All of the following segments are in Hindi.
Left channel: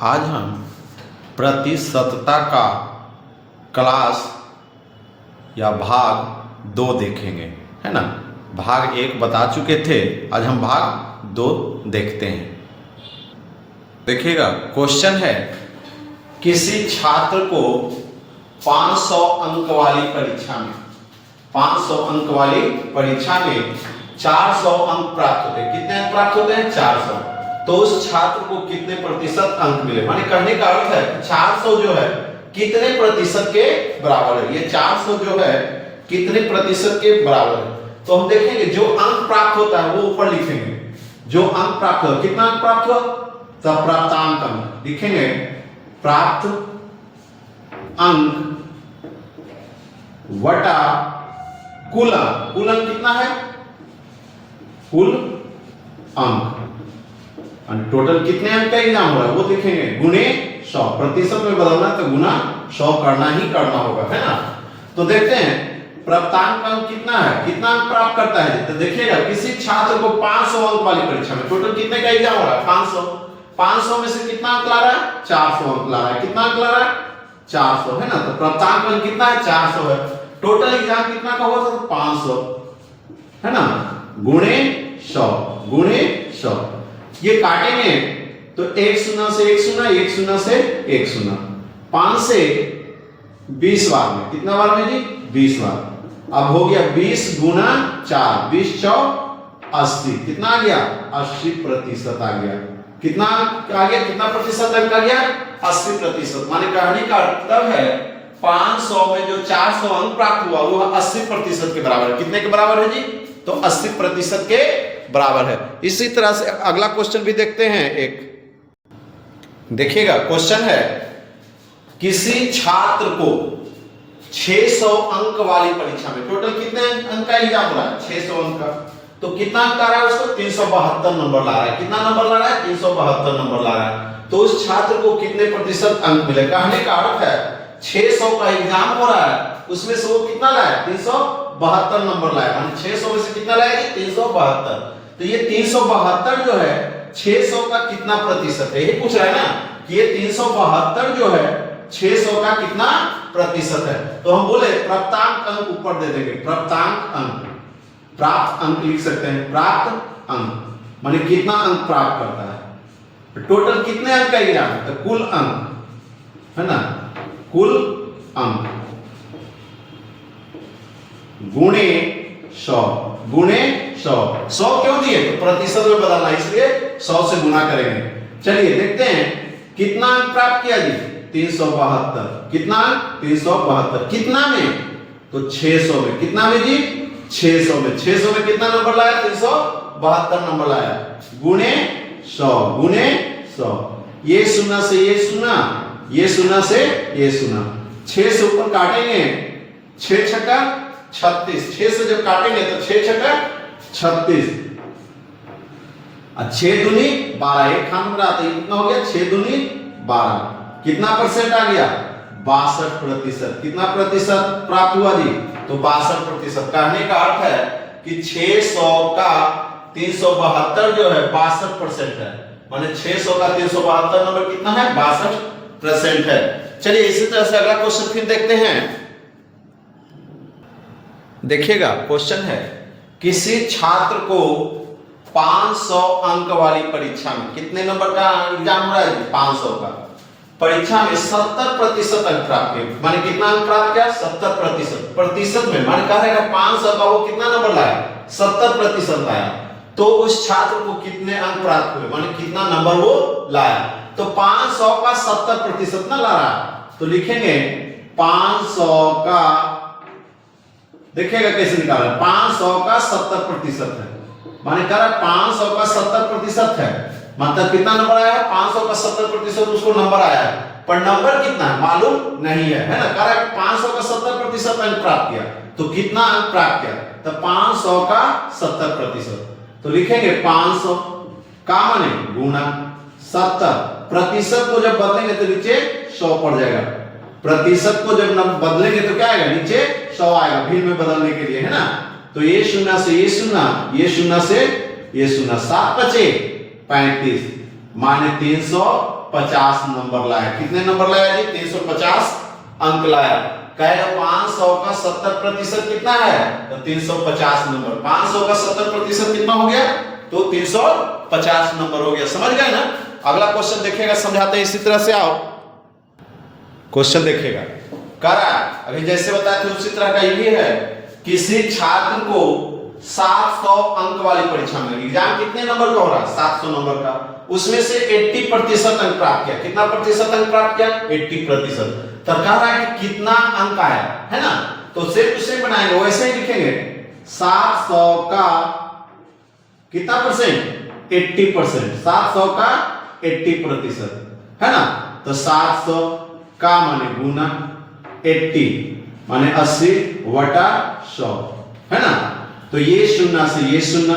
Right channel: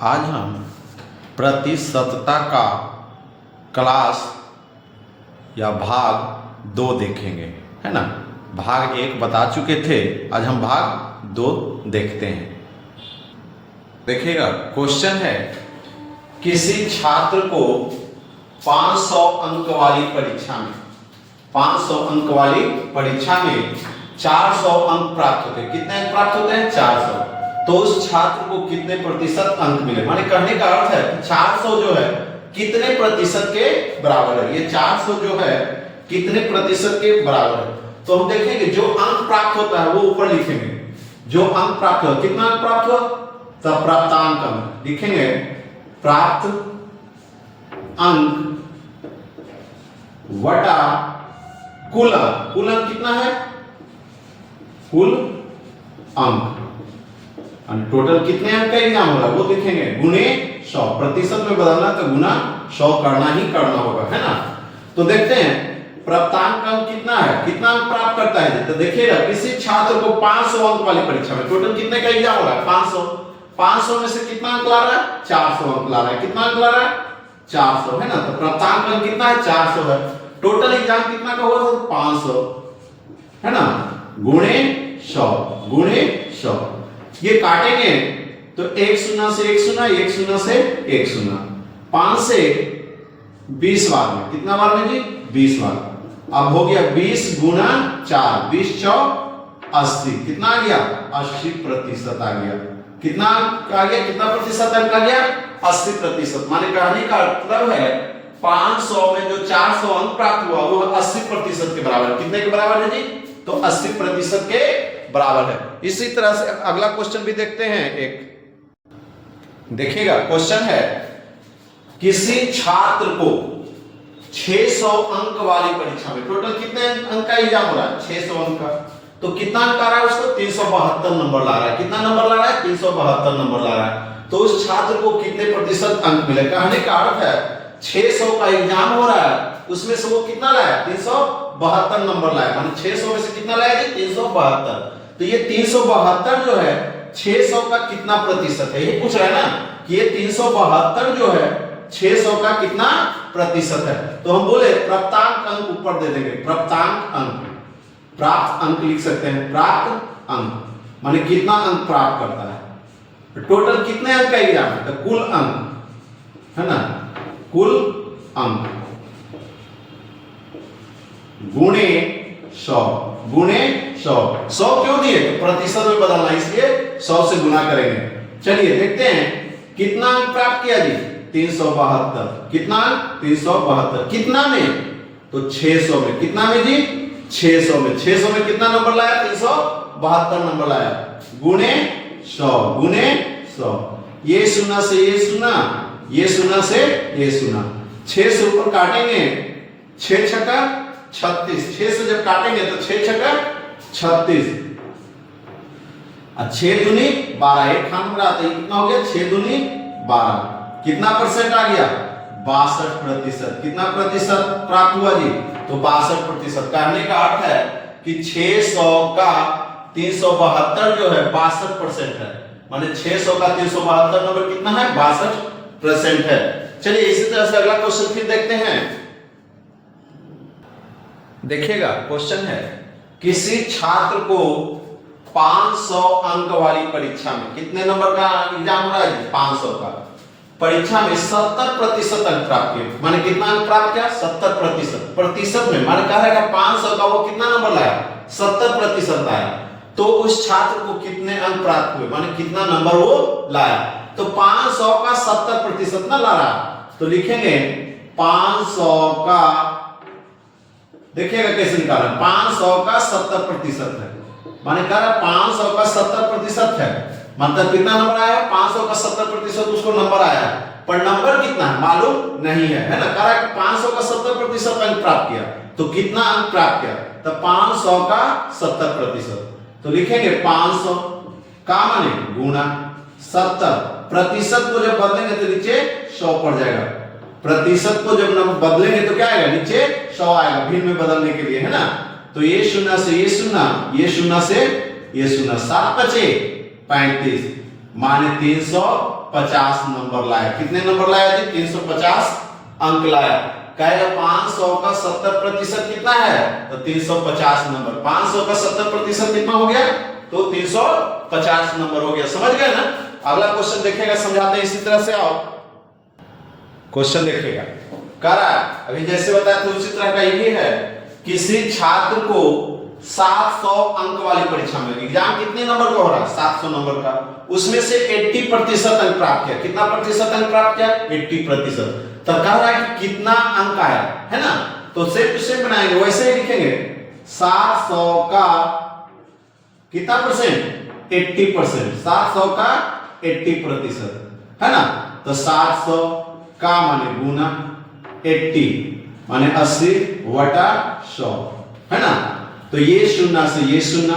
आज हम प्रतिशतता का क्लास या भाग 2 देखेंगे, है ना। भाग 1 बता चुके थे, आज हम भाग 2 देखते हैं। देखिएगा, क्वेश्चन है किसी छात्र को 500 अंक वाली परीक्षा में 400 अंक प्राप्त होते हैं। कितने अंक प्राप्त होते हैं? 400। तो उस छात्र को कितने प्रतिशत अंक मिले? माने कहने का अर्थ है 400 जो है कितने प्रतिशत के बराबर है। ये 400 जो है कितने प्रतिशत के बराबर है। तो हम देखेंगे जो अंक प्राप्त होता है वो ऊपर लिखेंगे। जो अंक प्राप्त हुआ, कितना अंक प्राप्त हुआ, तब प्राप्तांक अंक लिखेंगे। प्राप्त अंक वटा कुल अंक। कुल अंक कितना है? कुल अंक। टोटल कितने अंक का एग्जाम हो रहा है वो देखेंगे, गुणे 100। प्रतिशत में बदलना तो गुना 100 करना ही करना होगा, है ना। तो देखते हैं प्राप्तांक अंक कितना है, कितना अंक प्राप्त करता है। तो देखिएगा किसी छात्र को 500 अंक वाली परीक्षा में टोटल कितने का एग्जाम हो रहा है? 500 में से कितना अंक ला रहा है? 400 अंक ला रहा है। कितना अंक ला रहा है? 400, है ना। तो प्राप्तांक अंक कितना है? 400 है। टोटल एग्जाम कितना का हुआ था? 500, है ना, गुणे 100। ये काटेंगे तो 1 शून्य से 1 शून्य, 1 शून्य से 1 शून्य, 5 से 20 बार में, कितना बार में जी? 20 बार। अब हो गया 20 गुना 4, 20 चौक 80। कितना आ गया? 80% आ गया। कितना आ गया? कितना प्रतिशत अंक आ गया? 80%। माने कहने का मतलब है 500 में जो 400 अंक प्राप्त हुआ वो 80% के बराबर है। कितने के बराबर है जी? तो 80% के बराबर है। इसी तरह से अगला क्वेश्चन भी देखते हैं। एक देखिएगा, क्वेश्चन है किसी छात्र को 600 अंक वाली परीक्षा में टोटल कितने अंक का एग्जाम हो रहा है? 600 अंक का। तो कितना अंक आ रहा है उसको? 372 नंबर ला रहा है। कितना नंबर ला रहा है? 372 नंबर ला रहा है। तो उस छात्र को कितने प्रतिशत अंक मिले? कहने का अर्थ है 600 का एग्जाम हो रहा है, उसमें से वो कितना लाया? 372 नंबर लाया। 600 में से कितना लाया जी? 372। तो ये 372 जो है 600 का कितना प्रतिशत है, ये पूछ रहा है ना कि ये 372 जो है 600 का कितना प्रतिशत है। तो हम बोले प्राप्तांक अंक ऊपर दे देंगे। प्राप्तांक अंक, प्राप्त अंक लिख सकते हैं। प्राप्त अंक माने कितना अंक प्राप्त करता है। टोटल कितने अंक का एग्जाम है? तो कुल अंक, है ना, कुल अंक गुणे 100। गुणे 100 क्यों दिए? तो प्रतिशत में बदलना, इसलिए 100 से गुना करेंगे। चलिए देखते हैं कितना अंक प्राप्त किया जी? 372। कितना अंक? 372। कितना में? तो 600 में। कितना में जी? 600 में। 600 में कितना नंबर लाया? 372 नंबर लाया। गुणे 100। गुणे 100। ये शून्य से ये शून्य, ये शून्य से ये शून्य। 6 से ऊपर काटेंगे, 6 छक्का 36। 6 से जब काटेंगे तो 6 छक्का 36, 6 दूनी 12। एक खान में आता है, कितना हो गया? 6 दूनी 12। कितना परसेंट आ गया? 62%। कितना प्रतिशत प्राप्त हुआ जी? तो 62%। कहने का अर्थ है कि 600 का 372 जो है 62% है। माने 600 का 372 नंबर कितना है? 62% है। चलिए इसी तरह से अगला क्वेश्चन फिर देखते हैं। देखिएगा, क्वेश्चन है किसी छात्र को 500 अंक वाली परीक्षा में, कितने नंबर का एग्जाम हो रहा है? 500 का। परीक्षा में 70% अंक प्राप्त हुए। माने कितना अंक प्राप्त किया? 70%। प्रतिशत में माने कहा है 500 का वो कितना नंबर लाया? 70% आया। तो उस छात्र को कितने अंक प्राप्त हुए? माने कितना नंबर वो लाया। तो 500 का 70% ना ला रहा, तो लिखेंगे 500 का, देखिएगा कैसे निकालना। 500 का 70% है, माने कह रहा 500 का 70% है, मतलब कितना नंबर आया? 500 का 70% उसको नंबर आया है, पर नंबर कितना है मालूम नहीं है, ना। कह रहा है 500 का 70% अंक प्राप्त किया, तो कितना अंक प्राप्त किया? तो 500 का 70%। तो लिखेंगे 500 का माने गुना 70। प्रतिशत को जब बदलेंगे तो नीचे 100 पड़ जाएगा। प्रतिशत को जब बदलेंगे तो क्या आएगा? नीचे 100 आएगा, भिन्न में बदलने के लिए, है ना। तो ये शून्य से ये शून्य, ये शून्य से ये शून्य, 7 बचे 35, माने 300 350 नंबर लाया। कितने नंबर लाया जी? 350 अंक लाया। कहेगा 500 का 70% कितना है? तो 350 नंबर। 500 का 70% कितना हो गया? तो 350 नंबर हो गया। समझ गए ना? अगला क्वेश्चन देखिएगा, समझाते हैं इसी तरह से। आओ क्वेश्चन देखिएगा। करा अभी जैसे बताया था उसी तरह का ये है। किसी छात्र को 700 अंक वाली परीक्षा में, एग्जाम कितने नंबर का हो रहा है? 700 नंबर का। उसमें से 80% अंक प्राप्त किया। कितना प्रतिशत अंक प्राप्त किया? 80%। तो कह रहा है कि कितना अंक आया, है ना? तो सेम टू सेम बनाएंगे, वैसे ही लिखेंगे। 700 का कितना परसेंट? 80%। 700 का 80%, है ना? तो 700 का माने गुना 80 माने 80 बटा 100, है ना? तो ये शून्य से ये शून्य,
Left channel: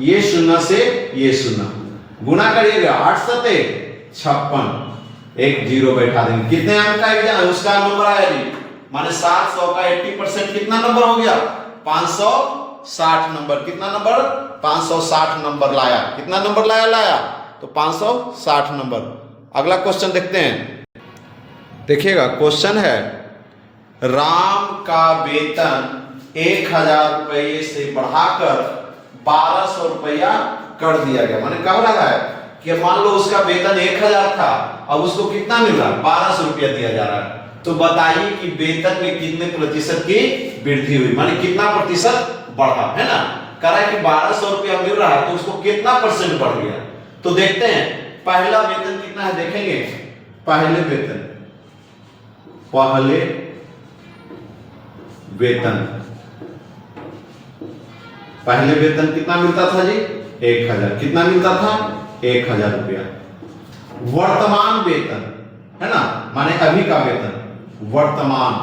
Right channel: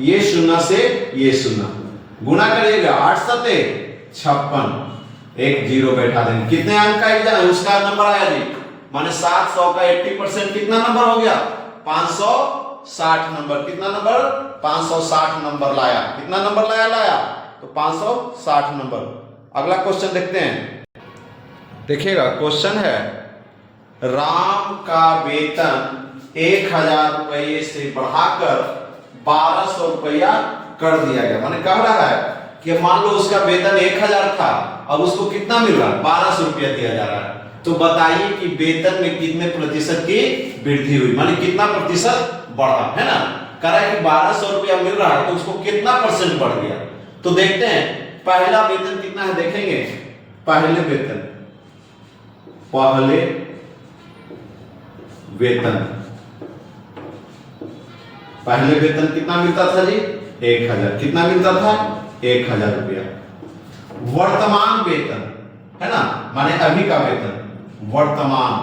ये शून्य से ये शून्य, गुना करिएगा 8 सते 56, एक जीरो बैठा देंगे। कितने अंक का उसका नंबर आया जी? माने 700 का 80% कितना नंबर हो गया? 560 नंबर। कितना नंबर? 560 नंबर लाया। कितना नंबर लाया? तो 560 नंबर। अगला क्वेश्चन देखते हैं। देखिएगा, क्वेश्चन है राम का वेतन 1000 रुपये से बढ़ाकर 1200 रुपया कर दिया गया। माने कह रहा है कि मान लो उसका वेतन 1000 था और उसको कितना मिल रहा है? 1200 रुपया दिया जा रहा है। तो बताइए कि वेतन में कितने प्रतिशत की वृद्धि हुई, माने कितना प्रतिशत बढ़ा, है ना? कह रहा है कि 1200 रुपया मिल रहा है तो उसको कितना परसेंट बढ़ गया। तो देखते हैं पहला वेतन कितना है, देखेंगे। पहले वेतन पहले वेतन कितना मिलता था जी? 1000। कितना मिलता था? 1000 रुपया। वर्तमान वेतन, है ना, माने अभी का वेतन। वर्तमान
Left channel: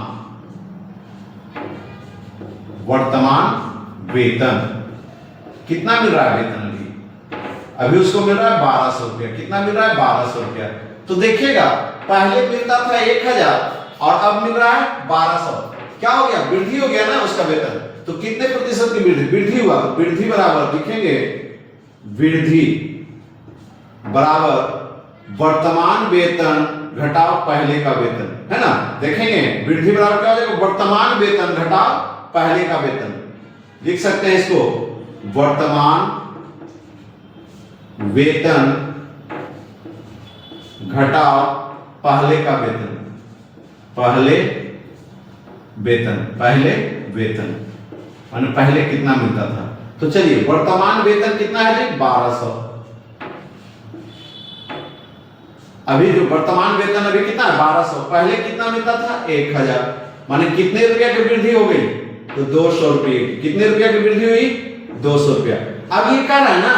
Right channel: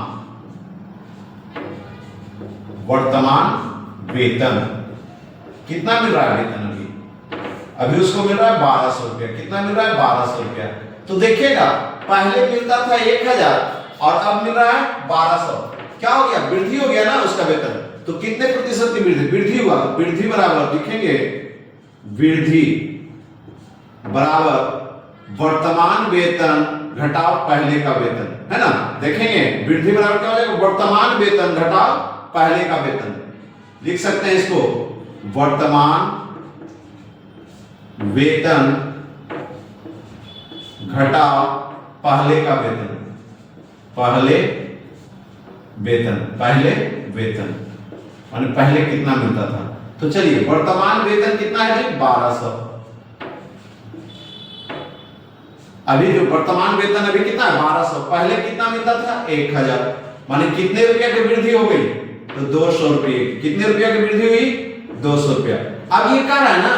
वेतन कितना मिल रहा है? वेतन अभी उसको मिल रहा है 1200 रुपया। कितना मिल रहा है? 1200 रुपया। तो देखिएगा पहले मिलता था 1000 और अब मिल रहा है 1200। क्या हो गया? वृद्धि हो गया ना उसका वेतन। तो कितने प्रतिशत की वृद्धि हुआ? तो वृद्धि बराबर लिखेंगे, वृद्धि बराबर वर्तमान वेतन घटाव पहले का वेतन, है ना? देखेंगे वृद्धि बराबर क्या हो जाएगा? वर्तमान वेतन घटाव पहले का वेतन। लिख सकते हैं इसको, वर्तमान वेतन घटाव पहले का वेतन। पहले वेतन माने पहले कितना मिलता था। तो चलिए वर्तमान वेतन कितना है जी? 1200। अभी जो वर्तमान वेतन अभी कितना है? 1200। पहले कितना मिलता था? 1000। माने कितने रुपया की वृद्धि हो गई? तो 200 रुपये की। कितने रुपया की वृद्धि हुई? 200 रुपया। अब ये कह रहा है ना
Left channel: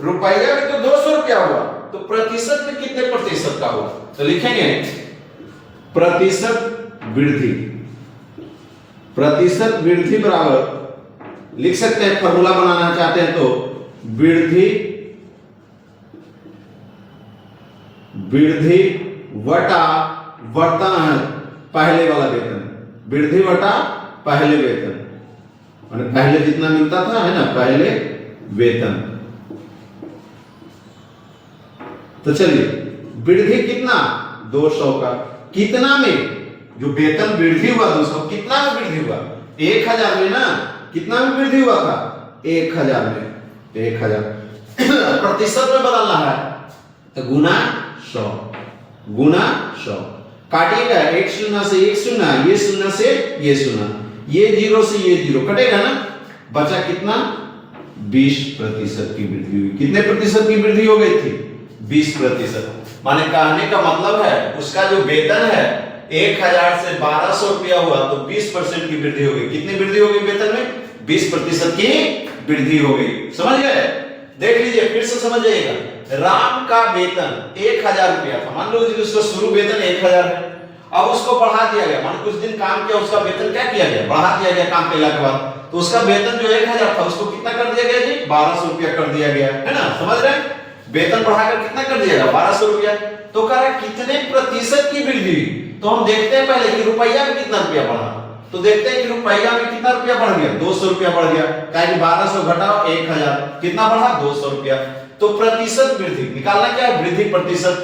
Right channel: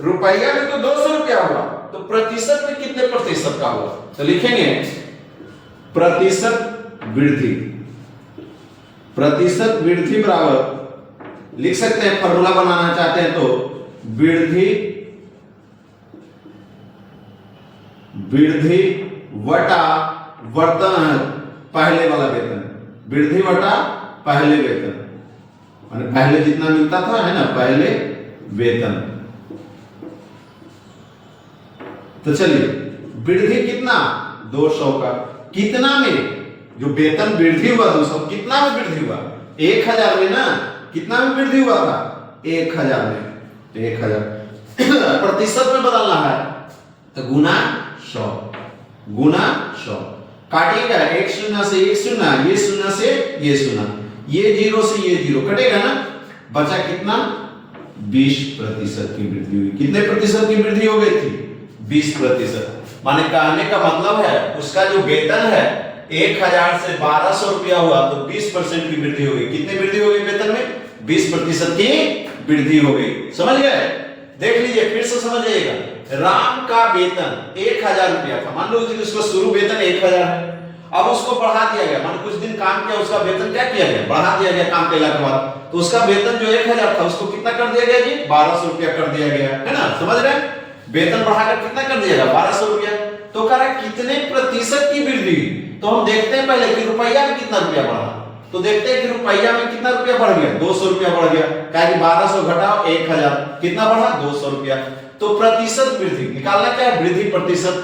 रुपया में तो 200 रुपया हुआ, तो प्रतिशत में कितने प्रतिशत का हुआ? तो लिखेंगे प्रतिशत वृद्धि बराबर, लिख सकते हैं फॉर्मूला बनाना चाहते हैं तो वृद्धि वटा वर्तमान पहले वाला वेतन। वृद्धि वटा पहले वेतन, माने पहले जितना मिलता था, है ना, पहले वेतन। तो चलिए वृद्धि कितना? 200 का। कितना में? जो वेतन वृद्धि हुआ 200, कितना में वृद्धि हुआ? 1000 में ना। कितना में वृद्धि हुआ था? 1000 में। 1000 प्रतिशत में बदलना है तो गुना 100। काटिएगा, एक शून्य से एक शून्य, ये शून्य से ये शून्य, ये जीरो से ये जीरो कटेगा ना। बचा कितना? 20% की वृद्धि हुई। कितने प्रतिशत की वृद्धि हो गई थी? 20%। माने कहने का मतलब है उसका जो वेतन है 1000 से 1200 रुपया हुआ तो 20% की वृद्धि हो गई। कितनी वृद्धि हो गई वेतन में? 20% की वृद्धि हो गई। समझ गए? देख लीजिए, फिर से समझ जाइएगा। राम का वेतन 1000 रुपया था। मान लो उसका शुरू वेतन 1000 है, अब उसको बढ़ा दिया गया। मान कुछ दिन काम किया, उसका वेतन क्या किया गया? बढ़ा दिया गया काम करने के बाद। तो उसका वेतन जो 1000 था उसको कितना कर दिया गया जी? 1200 रुपया कर दिया गया, है ना? समझ रहे हैं? वेतन बढ़ाकर कितना कर दिया गया? 1200 रुपया। तो कह रहा है कितने प्रतिशत की वृद्धि? तो हम देखते हैं पहले कि रुपया में कितना रुपया बढ़ा। तो देखते हैं कि रुपया में कितना रुपया बढ़ गया? 200 रुपया बढ़ गया। कहा कि 1200 घटाओ 1000, कितना बढ़ा? 200 रुपया। तो प्रतिशत वृद्धि निकालना क्या है? वृद्धि प्रतिशत।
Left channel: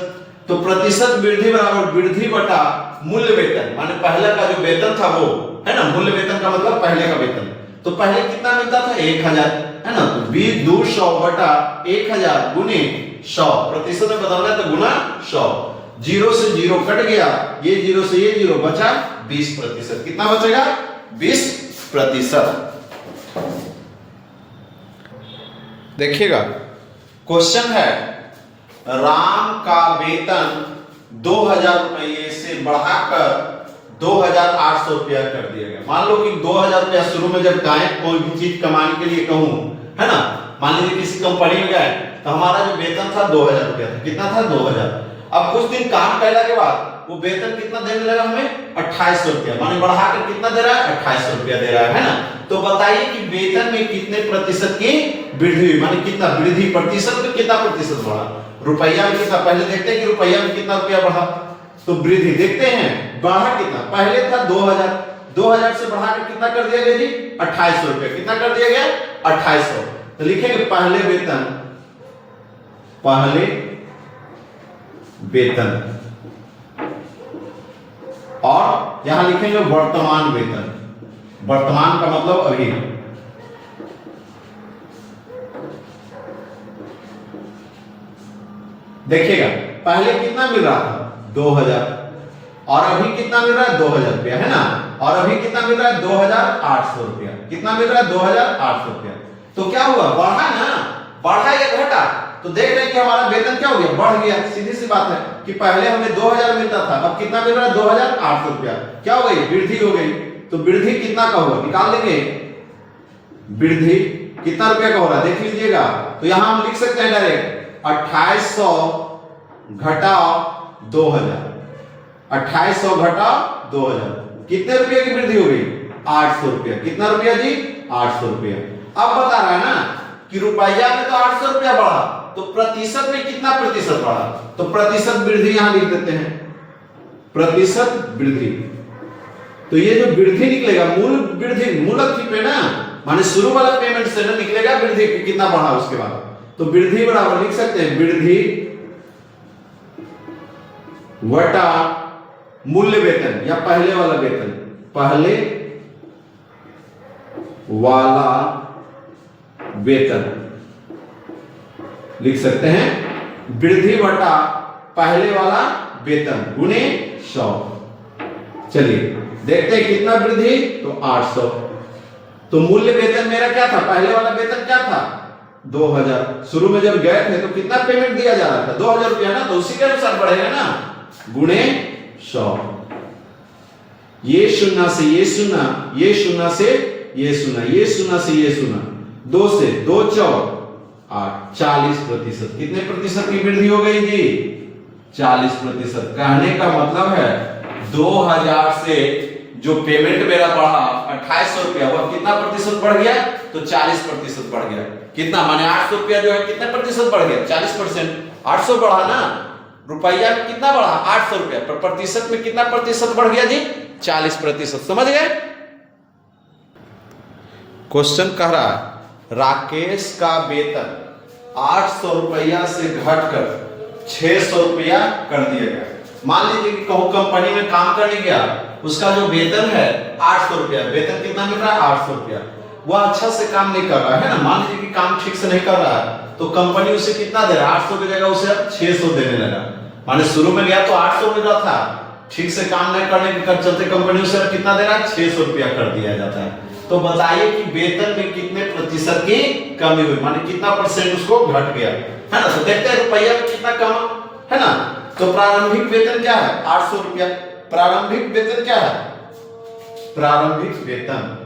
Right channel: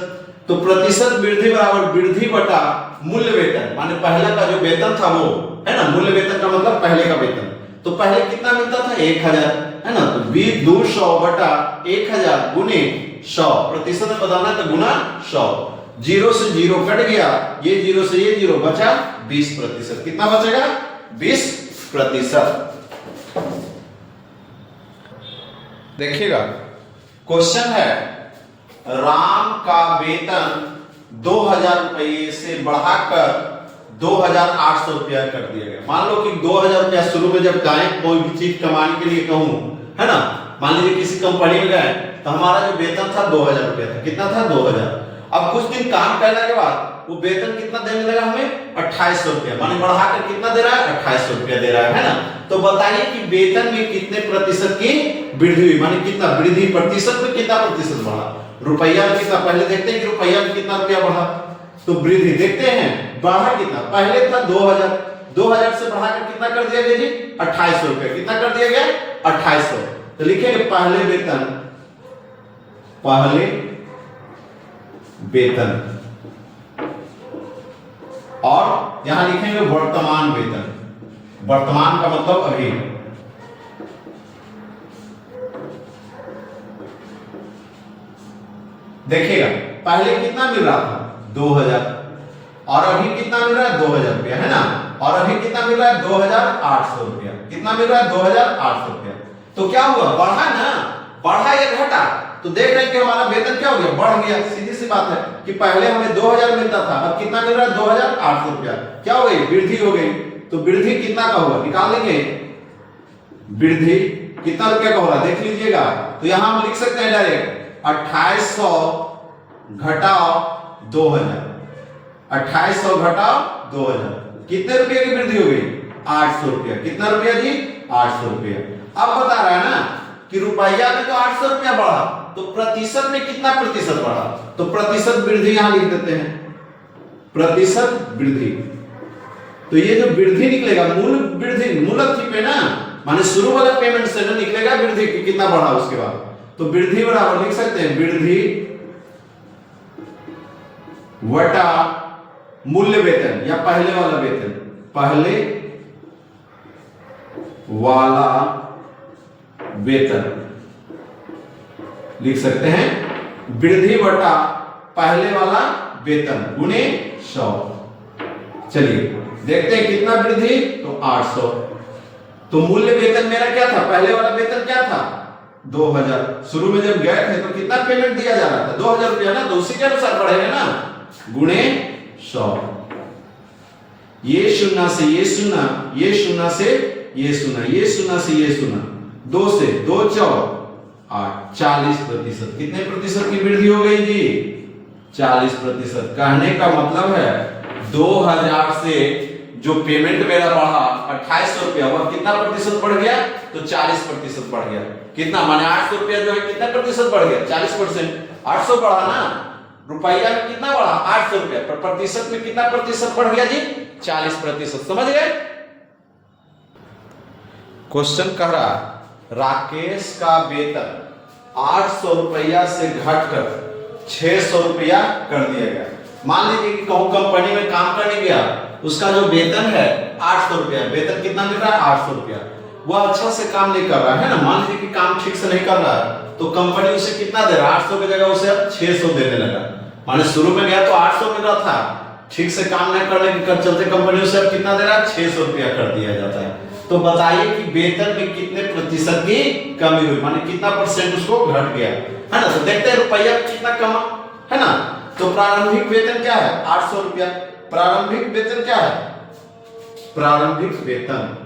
तो प्रतिशत वृद्धि बराबर वृद्धि बटा मूल्य वेतन, माने पहला का जो वेतन था वो है ना, मूल्य वेतन का मतलब पहले का वेतन। तो पहले कितना मिलता था 1000 है ना, तो 200 बटा 1000 गुने 100, प्रतिशत में बदलना है तो गुना 100। 0 से 0 कट गया, ये 0 से ये 0 बचा 20%। कितना बचेगा 20%। देखिएगा क्वेश्चन है, राम का वेतन 2000 रुपये से बढ़ाकर 2800 रुपया कर दिया गया। मान लो कि 2000 रुपया शुरू में जब गाय कोई भी चीज कमाने के लिए कहूं है ना, मान लीजिए किसी कंपनी में गए तो हमारा जो वेतन था 2000 रुपया था। कितना था 2000। अब कुछ दिन काम करने के बाद वो वेतन कितना देने लगा हमें 2800 रुपया, माने बढ़ाकर कितना दे रहा है 2800 रुपया दे रहा है ना। तो बताइए कि वेतन में कितने प्रतिशत की वृद्धि हुई, माने कितना वृद्धि प्रतिशत में कितना प्रतिशत बढ़ा, रुपया में कितना, पहले देखते हैं कि रुपया में कितना रुपया बढ़ा। तो वृद्धि देखते हैं बढ़ा कितना, पहले था 2000 से बढ़ाकर कितना कर दिया गया जी 2800 रुपया। कितना कर दिया गया 2800। तो लिखेंगे पहले वेतन और यहां लिखेंगे वर्तमान वेतन। वर्तमान का मतलब अभी। देखिएगा पहले कितना मिल रहा था 2000 और अभी कितना मिल रहा है 2000 रुपया है ना, और अभी कितना मिल रहा है 2800 रुपया। कितना मिल रहा है 2800 रुपया। तो क्या हुआ बढ़ा ना, बढ़ा या घटा। तो देख रहे हैं कि हमारा वेतन क्या हो गया बढ़ गया। सीधी सी बात है कि पहले हमें 2000 मिलता था, अब कितना मिल रहा है 2800 रुपया। क्या हो गई वृद्धि हो गई। तो वृद्धि कितना का हुआ निकाल लेंगे, वृद्धि कितना रुपया का हो रहा है देख लीजिएगा। तो यहां हम लिख सकते हैं डायरेक्ट 2800 घटाओ 2000, 2800 घटाओ 2000 कितने रुपये की वृद्धि हो गई 800 रुपया। कितना रुपया जी 800 रुपया। अब बता रहा है ना कि रुपया में तो 800 रुपया बढ़ा, तो प्रतिशत में कितना प्रतिशत बढ़ा। तो प्रतिशत वृद्धि यहां लिख देते हैं, प्रतिशत वृद्धि। तो ये जो वृद्धि निकलेगा मूल वृद्धि मूलक पे ना, माने शुरू वाला पेमेंट से ना निकलेगा वृद्धि कितना बढ़ा उसके बाद। तो वृद्धि बराबर लिख सकते हैं वृद्धि वटा मूल्य वेतन या पहले वाला वेतन, पहले वाला वेतन लिख सकते हैं वृद्धि बटा पहले वाला वेतन गुणे 100। चलिए देखते हैं कितना वृद्धि, तो 800। तो मूल्य वेतन मेरा क्या था, पहले वाला वेतन क्या था 2000। शुरू में जब गए थे तो कितना पेमेंट दिया जा रहा था 2000 रुपया ना, तो उसी के अनुसार बढ़ेगा ना गुणे 100। ये शून्य से ये शून्य, ये शून्य से ये शून्य, ये शून्य से ये शून्य, 2 से 2 4 8 40%। कितने प्रतिशत की वृद्धि हो गई जी 40%। कहने का मतलब है 2000 से जो पेमेंट मेरा बढ़ा 2800 रुपया, वह कितना प्रतिशत बढ़ गया तो 40% बढ़ गया। कितना माने 800 रुपया जो है कितने प्रतिशत बढ़ गया 40%। 800 बढ़ा ना, रुपया में कितना बढ़ा 800 रुपया, पर प्रतिशत में कितना प्रतिशत बढ़ गया जी 40%। समझ गए। क्वेश्चन कह रहा राकेश का वेतन 800 रुपया से घटकर 600 रुपया कर दिया गया। मान लीजिए कि कहूं कंपनी में काम करने गया, उसका जो वेतन है 800 रुपया, वेतन कितना मिल रहा है 800 रुपया। वह अच्छा से काम नहीं कर रहा है ना, मान लीजिए कि काम ठीक से नहीं कर रहा है, तो कंपनी उसे कितना दे रहा है 800 की जगह उसे अब 600 देने लगा। माने शुरू में गया तो 800 मिल रहा था, ठीक से काम नहीं करने के चलते कंपनी उसे अब कितना दे रहा है 600 रुपया कर दिया जाता है। तो बताइए कि वेतन में कितने प्रतिशत की कमी हुई, माने कितना परसेंट उसको घट गया है ना। तो देखते हैं रुपया में कितना कम है ना। तो प्रारंभिक वेतन क्या है 800 रुपया। प्रारंभिक वेतन क्या है, प्रारंभिक वेतन,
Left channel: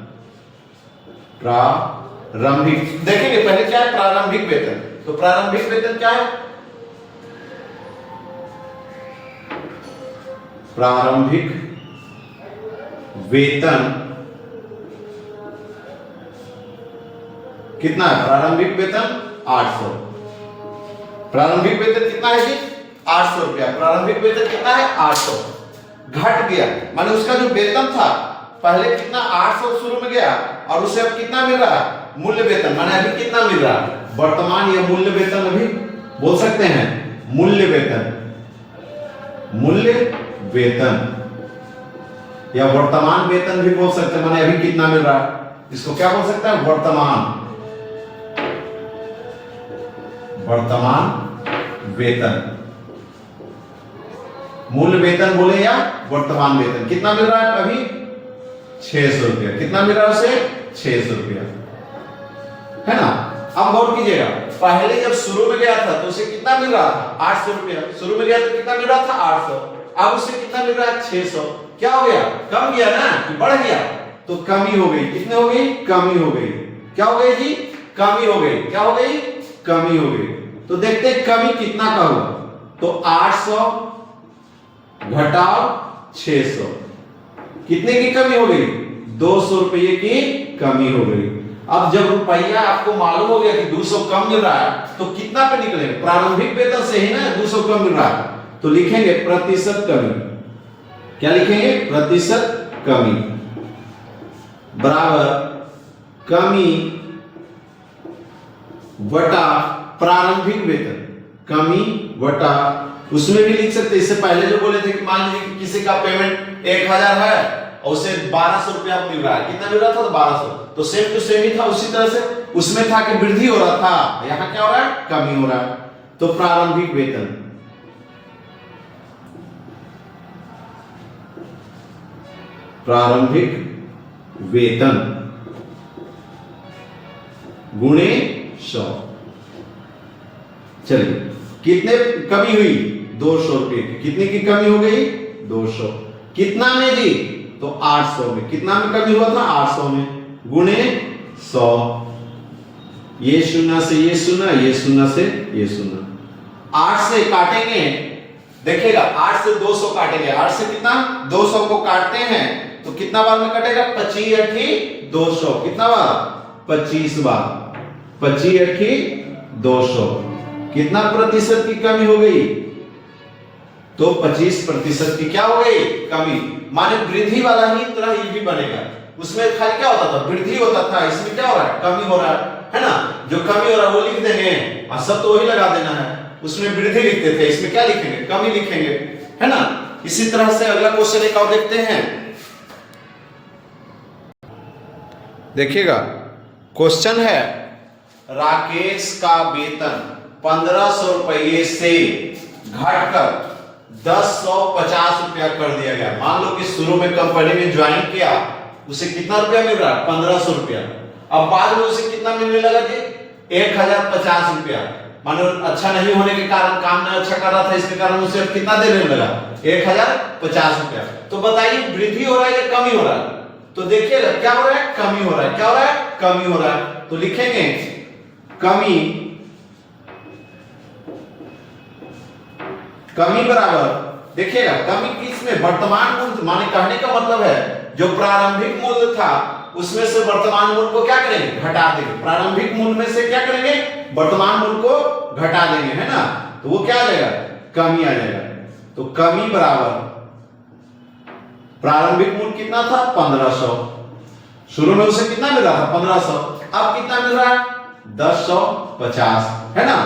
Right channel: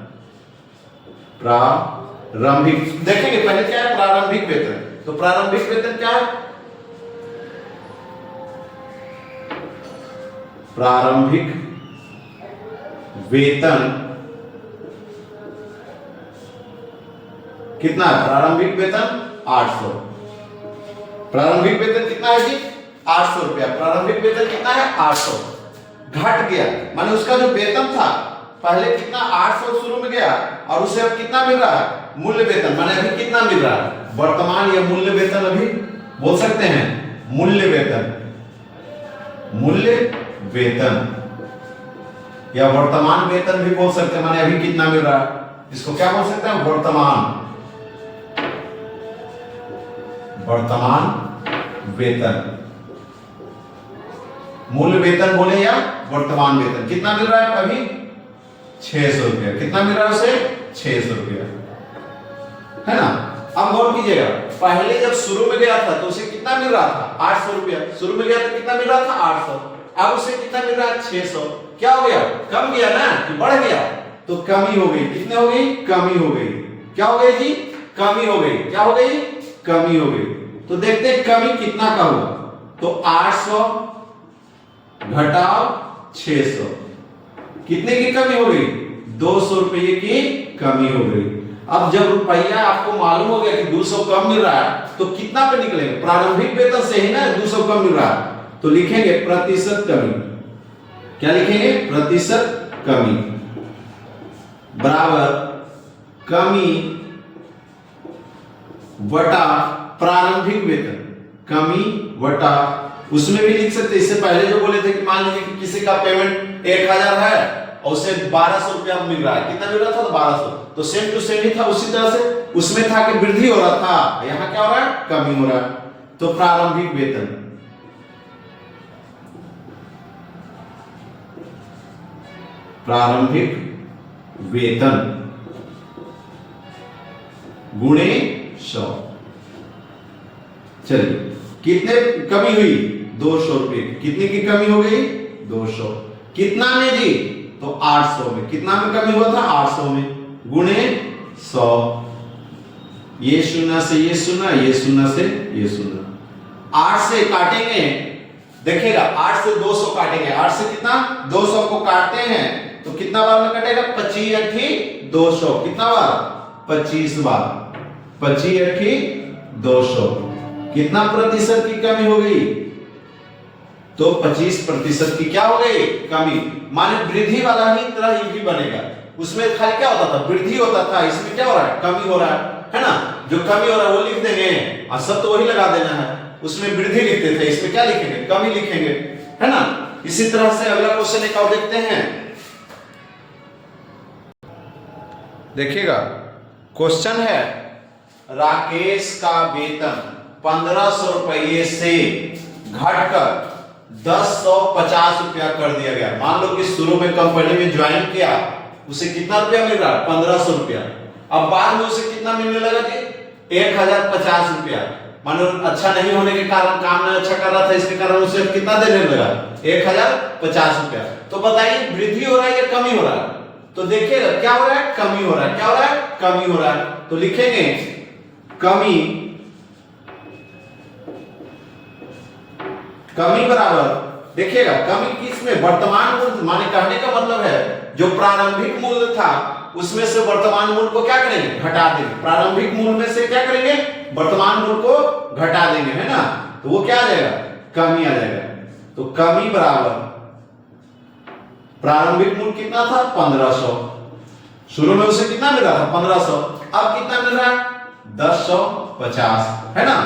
प्रारंभिक देखेंगे पहले क्या है प्रारंभिक वेतन। तो प्रारंभिक वेतन क्या है, प्रारंभिक वेतन कितना है, प्रारंभिक वेतन 800। प्रारंभिक वेतन कितना है जी 800 रुपया। प्रारंभिक वेतन कितना है 800, घट गया माने उसका जो वेतन था पहले कितना 800 शुरू में गया और उसे अब कितना मिल रहा है मूल्य वेतन, माने अभी कितना मिल रहा है वर्तमान या मूल्य वेतन, अभी बोल सकते हैं मूल्य वेतन। मूल्य वेतन या वर्तमान वेतन भी बोल सकते हैं, माने अभी कितना मिल रहा है, इसको क्या बोल सकते हैं, वर्तमान वेतन। मूल वेतन बोले या वर्तमान वेतन। कितना मिल रहा है अभी, 600 रुपया। कितना मिल रहा है उसे, 600 रुपया, है ना। अब गौर कीजिएगा, पहले जब शुरू में गया था तो उसे कितना मिल रहा था, 800 रुपया। शुरू में गया तो कितना मिल रहा था, 800। अब उसे कितना मिल रहा है, 600। क्या हो गया, कम गया ना कि बढ़ गया, तो कमी हो गई। कितने हो गई, कमी हो गई। क्या हो गई जी, कमी हो गई। क्या हो गई, कमी हो गई। तो देखते हैं कमी कितना का हुआ, तो 800 घटाओ 600, कितने की कमी हो गई, 200 रुपये की कमी हो गई। अब जब रुपया आपको मालूम हो गया कि 200 कम मिल रहा है, तो कितना पे निकलेगा, प्रारंभिक वेतन से ही ना 200 कम मिल रहा है, तो लिखेंगे प्रतिशत कमी। क्या लिखेंगे, प्रतिशत कमी बराबर कमी बटा प्रारंभिक वेतन। कमी बटा, उसमें भी लिख सकते, इससे पहले जो बोले थे कि मान लीजिए कि किसी का पेमेंट 1000 है और उसे 1200 रुपया मिल रहा है। कितना मिल रहा था, तो 1200। तो सेम टू सेम ही था, उसी तरह से उसमें था कि वृद्धि हो रहा था, यहां क्या हो रहा है, कमी हो रहा है। तो प्रारंभिक वेतन, प्रारंभिक वेतन गुणे 100। चलिए, कितने कमी हुई, 200 रुपये। कितने की कमी हो गई, 200। कितना में दी, तो 800 में। कितना में कमी हुआ था, 800 में, गुणे 100। ये शून्य से ये शून्य, ये शून्य से ये शून्य, 8 से काटेंगे, देखिएगा 8 से 200 काटेंगे। 8 से कितना, 200 को काटते हैं तो कितना बार में कटेगा, 25 8 200। कितना बार, 25 बार। 25 8 200। कितना प्रतिशत की कमी हो गई, तो 25% की क्या हो गई, कमी। माने वृद्धि वाला ही तरह ये भी बनेगा। उसमें खाली क्या होता था, वृद्धि होता था, इसमें क्या हो रहा है, कमी हो रहा है ना। जो कमी हो रहा है वो लिख देंगे और सब तो वही लगा देना है। उसमें वृद्धि लिखते थे, इसमें क्या लिखेंगे, कमी लिखेंगे, है ना। इसी तरह से अगला क्वेश्चन एक और देखते हैं। देखिएगा, क्वेश्चन है राकेश का वेतन 1500 रुपये से घटकर 1050 रुपया कर दिया गया। मान लो कि शुरू में कंपनी में ज्वाइन किया, उसे कितना रुपया मिल रहा है, 1500 रुपया। अब बाद में उसे कितना मिलने लगा जी, 1050 रुपया। मानो अच्छा नहीं होने के कारण, काम में अच्छा कर रहा था, इसके कारण उसे कितना देने लगा, 1050 रुपया। तो बताइए वृद्धि हो रहा है या कमी हो रहा है, तो देखिएगा क्या हो रहा है, कमी हो रहा है। क्या हो रहा है, कमी हो रहा है। तो लिखेंगे कमी, कमी बराबर, देखिएगा कमी किसमें, वर्तमान मूल्य। माने कहने का मतलब है जो प्रारंभिक मूल्य था उसमें से वर्तमान मूल्य को क्या करेंगे, घटा देंगे। प्रारंभिक मूल्य में से क्या करेंगे, वर्तमान मूल्य को घटा देंगे, है ना। तो वो क्या आ जाएगा, कमी आ जाएगा। तो कमी बराबर प्रारंभिक मूल्य कितना था, 1500। शुरू में उसे कितना मिल रहा था, 1500। अब कितना मिल रहा है, 1050, है ना।